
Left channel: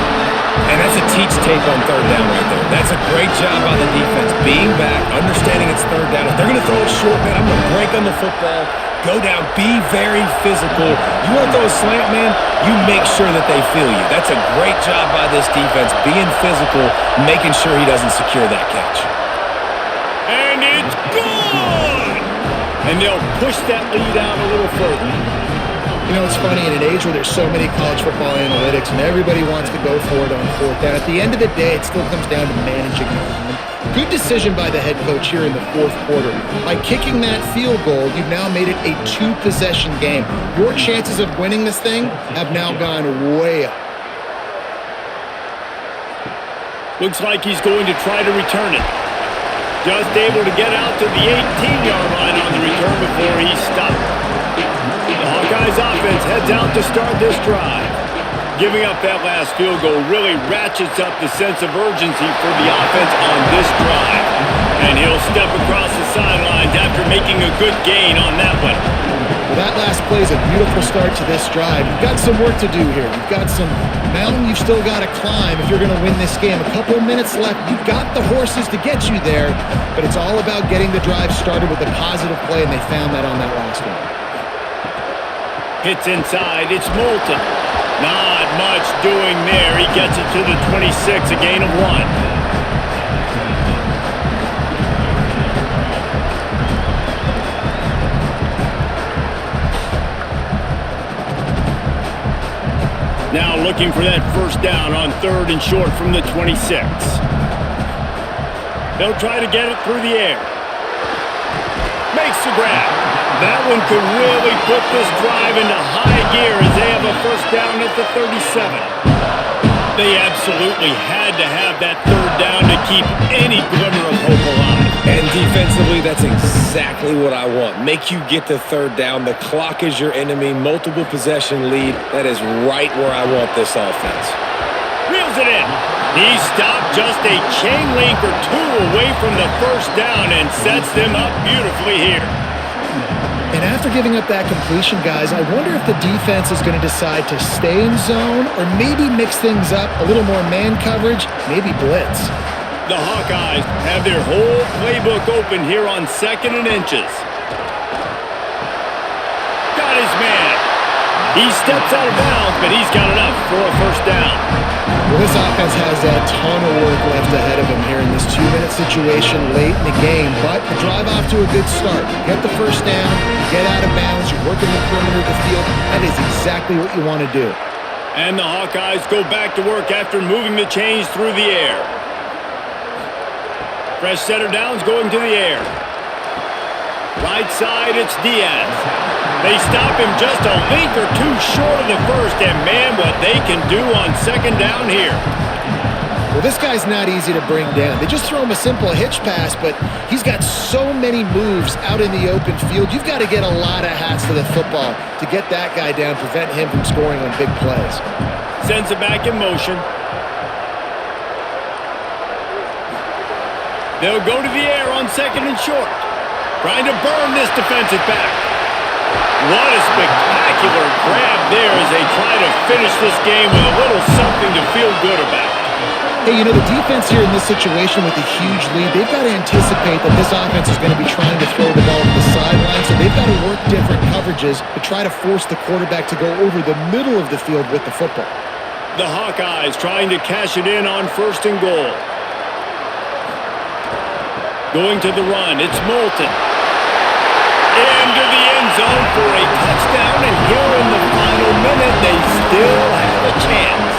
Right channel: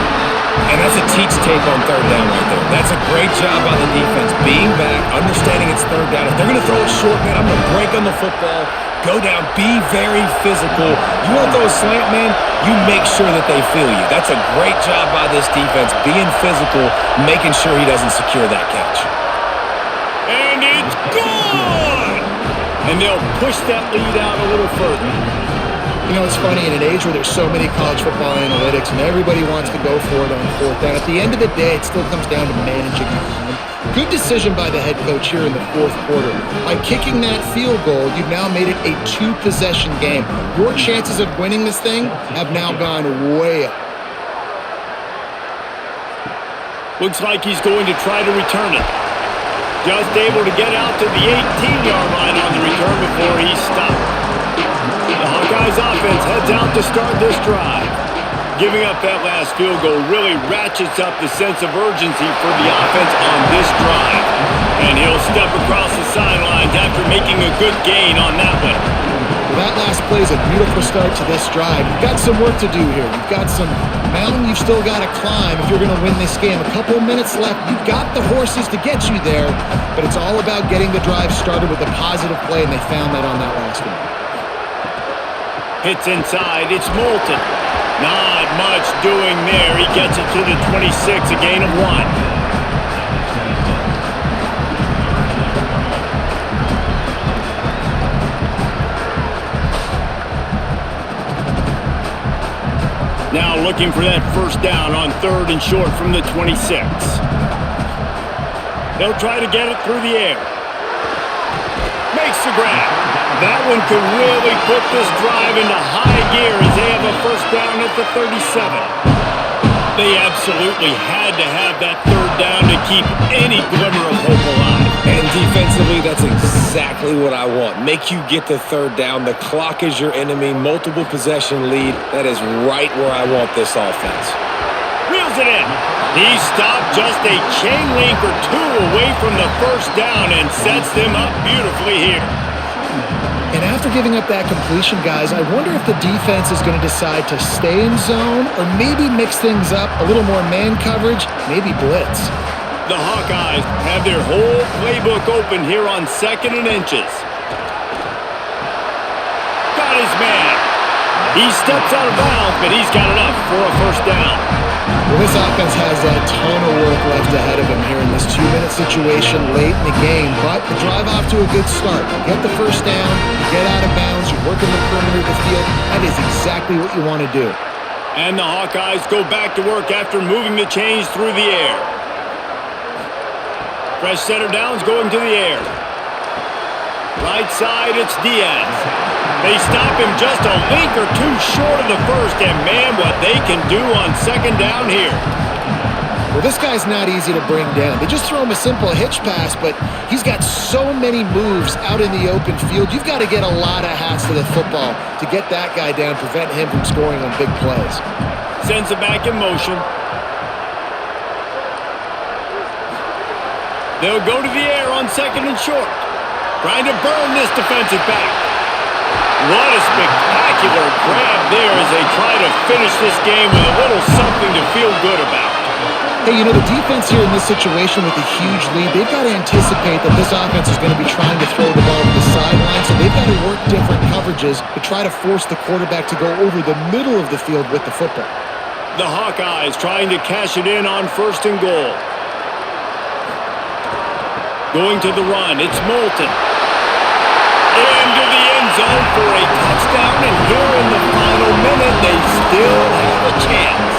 And that's a teach tape on third down right there. That's a great job by the defense. Being back, understanding it's third down. If they're going to throw it short, man, I'm going to break on the football, go down, be very physical. You want to throw a slant, man, you make sure that they feel you. That's a great job by this defense, being physical, making sure he doesn't secure that catch. And it's gone! And they'll push that lead out a little further. You know, it's funny, in an age where there's so many college football analytics and everybody wants to go for it on fourth down, at the end of the day, it still comes down to managing the game. Good decision by the head coach here in the fourth quarter. By kicking that field goal, you've now made it a two-possession game. Your chances of winning this thing have now gone way up. Looks like he's going to try to return it. Just able to get out to the 18-yard line on the return before he stopped. The Hawkeyes offense heads out to start this drive. Giving up that last field goal really ratchets up the sense of urgency for the offense on this drive. And he'll step across the sidelines after making a good gain on that one. Well, that last play is a beautiful start to this drive. You've got some work to do here. You've got some mountain you've still got to climb if you're going to win this game. A couple minutes left. You've got the horses to get you there, but it's all about getting the drive started with a positive play, and they found that on that last one. Hits inside. It's Moulton. Not much doing there. He gets it to the 26, a gain of 1. Now looking for that first down on third and short from the 26. They'll try to get it through the air. Makes the grab. That one could really put this drive into high gear as they have a first down at the 37. They absolutely had to have that third down to keep any glimmer of hope alive. And defensively, that's exactly what I want. Make you get to third down. The clock is your enemy. Multiple possession lead. That is right where I want this offense. Reels it in. He stopped just a chain link or two away from the first down and sets them up beautifully here. And after giving up that completion, guys, I wonder if the defense is going to decide to stay in zone or maybe mix things up, a little more man coverage, maybe blitz. The Hawkeyes have their whole playbook open here on 2nd and inches. Got his man. He steps out of bounds, but he's got enough for a first down. Well, this offense has a ton of work left ahead of them here in this 2-minute situation late in the game, but the drive off to a good start. You get the first down, you get out of bounds, you're working the perimeter of the field. That is exactly what you want to do. And the Hawkeyes go back to work after moving the chains through the air. Fresh set of downs going to the air. Right side, it's Diaz. They stop him just a link or two short of the first, and man, what they can do on second down here. Well, this guy's not easy to bring down. They just throw him a simple hitch pass, but he's got so many moves out in the open field. You've got to get a lot of hats to the football to get that guy down, prevent him from scoring on big plays. Sends it back in motion. They'll go to the air on second and short. Trying to burn this defensive back. What a spectacular grab there as they try to finish this game with a little something to feel good about. Hey, you know, the defense here in this situation with a huge lead, they've got to anticipate that this offense is going to be trying to throw the ball to the sideline, so they've got to work different coverages to try to force the quarterback to go over the middle of the field with the football. The Hawkeyes trying to cash it in on first and goal. Going to the run, it's Moulton. Into the end zone for a touchdown, and here in the final minute, they still have a chance.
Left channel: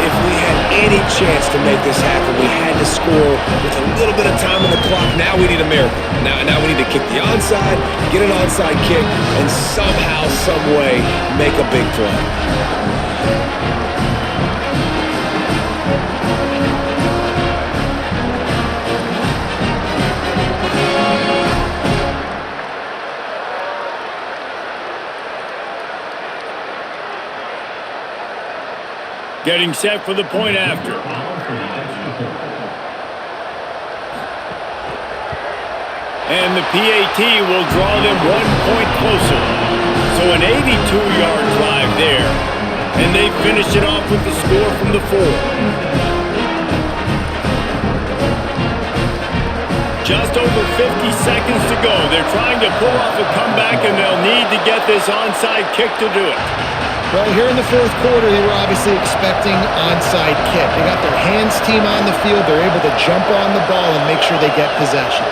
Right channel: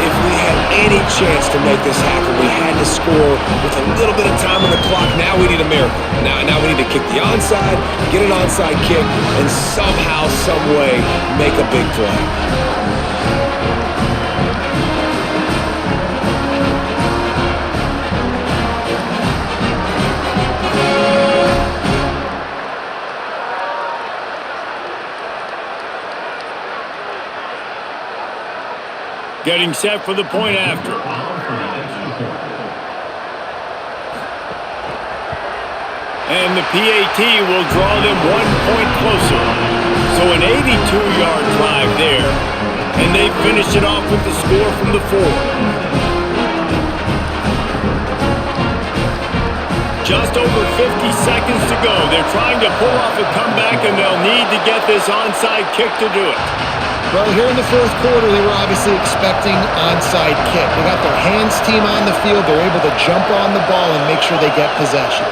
If we had any chance to make this happen, we had to score with a little bit of time on the clock. Now we need a miracle. Now we need to kick the onside, get an onside kick, and somehow, some way, make a big play. Getting set for the point after. And the PAT will draw them 1 point closer. So an 82-yard drive there. And they finish it off with the score from the 4. Just over 50 seconds to go. They're trying to pull off a comeback, and they'll need to get this onside kick to do it. Well, here in the fourth quarter, they were obviously expecting onside kick. They got their hands team on the field. They're able to jump on the ball and make sure they get possession.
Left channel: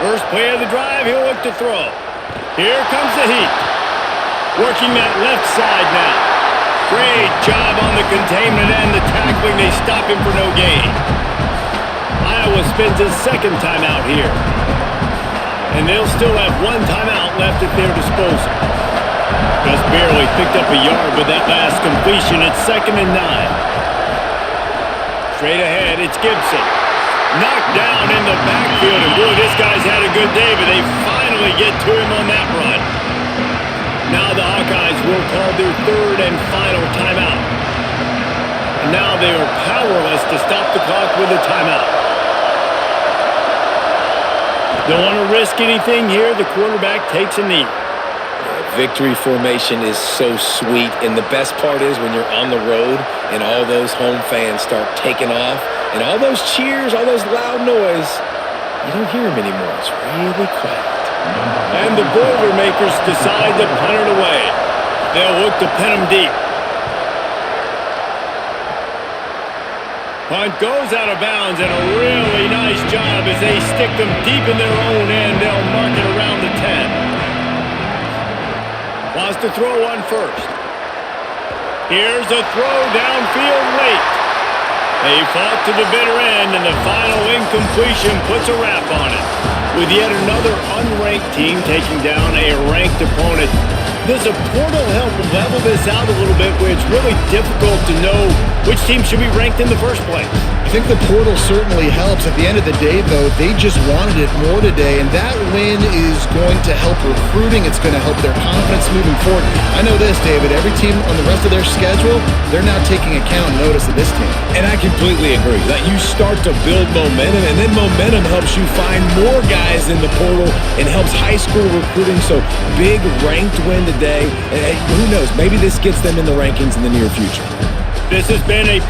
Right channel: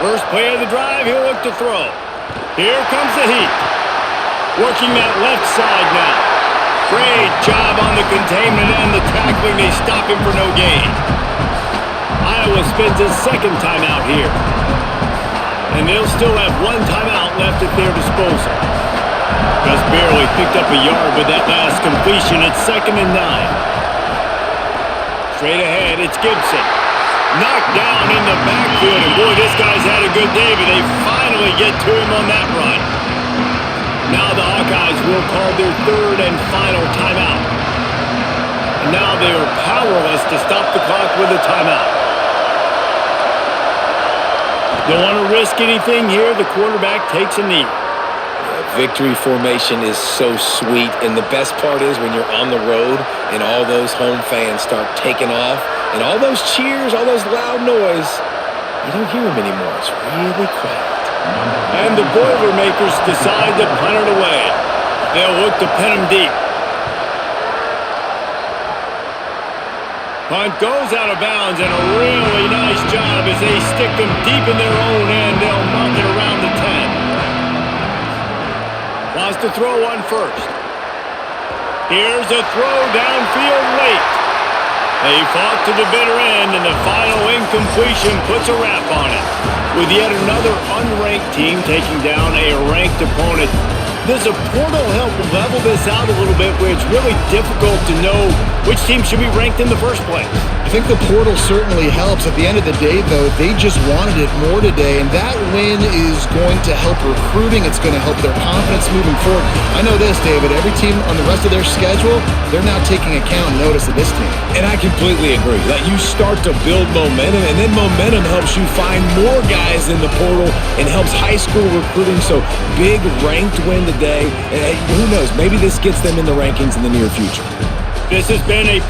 First play of the drive, he'll look to throw. Here comes the heat. Working that left side now. Great job on the containment and the tackling. They stop him for no gain. Iowa spends his second timeout here. And they'll still have one timeout left at their disposal. Just barely picked up a yard with that last completion. It's 2nd and 9. Straight ahead, it's Gibson. Knocked down in the backfield, and boy, this guy's had a good day, but they finally get to him on that run. Now the Hawkeyes will call their third and final timeout. And now they are powerless to stop the clock with a timeout. Don't want to risk anything here. The quarterback takes a knee. Victory formation is so sweet, and the best part is when you're on the road and all those home fans start taking off and all those cheers, all those loud noise, you don't hear them anymore. It's really quiet. And the Boilermakers decide to punt it away. They'll look to pin them deep. Punt goes out of bounds, and a really nice job as they stick them deep in their own end. They'll mark it around the 10. Wants to throw on first. Here's a throw downfield late. They fought to the bitter end, and the final incompletion puts a wrap on it. With yet another unranked team taking down a ranked opponent, does a portal help level this out a little bit where it's really difficult to know which team should be ranked in the first place? I think the portal certainly helps. At the end of the day, though, they just wanted it more today, and that win is going to help recruiting. It's going to help their confidence moving forward. I know this, David, every team on the rest of their schedule, they're now taking account and notice of this team. And I completely agree. Like, you start to build momentum, and then momentum helps you find more guys in the portal and helps high school recruiting. So big ranked win today, and who knows, maybe this gets them in the rankings in the near future. This has been a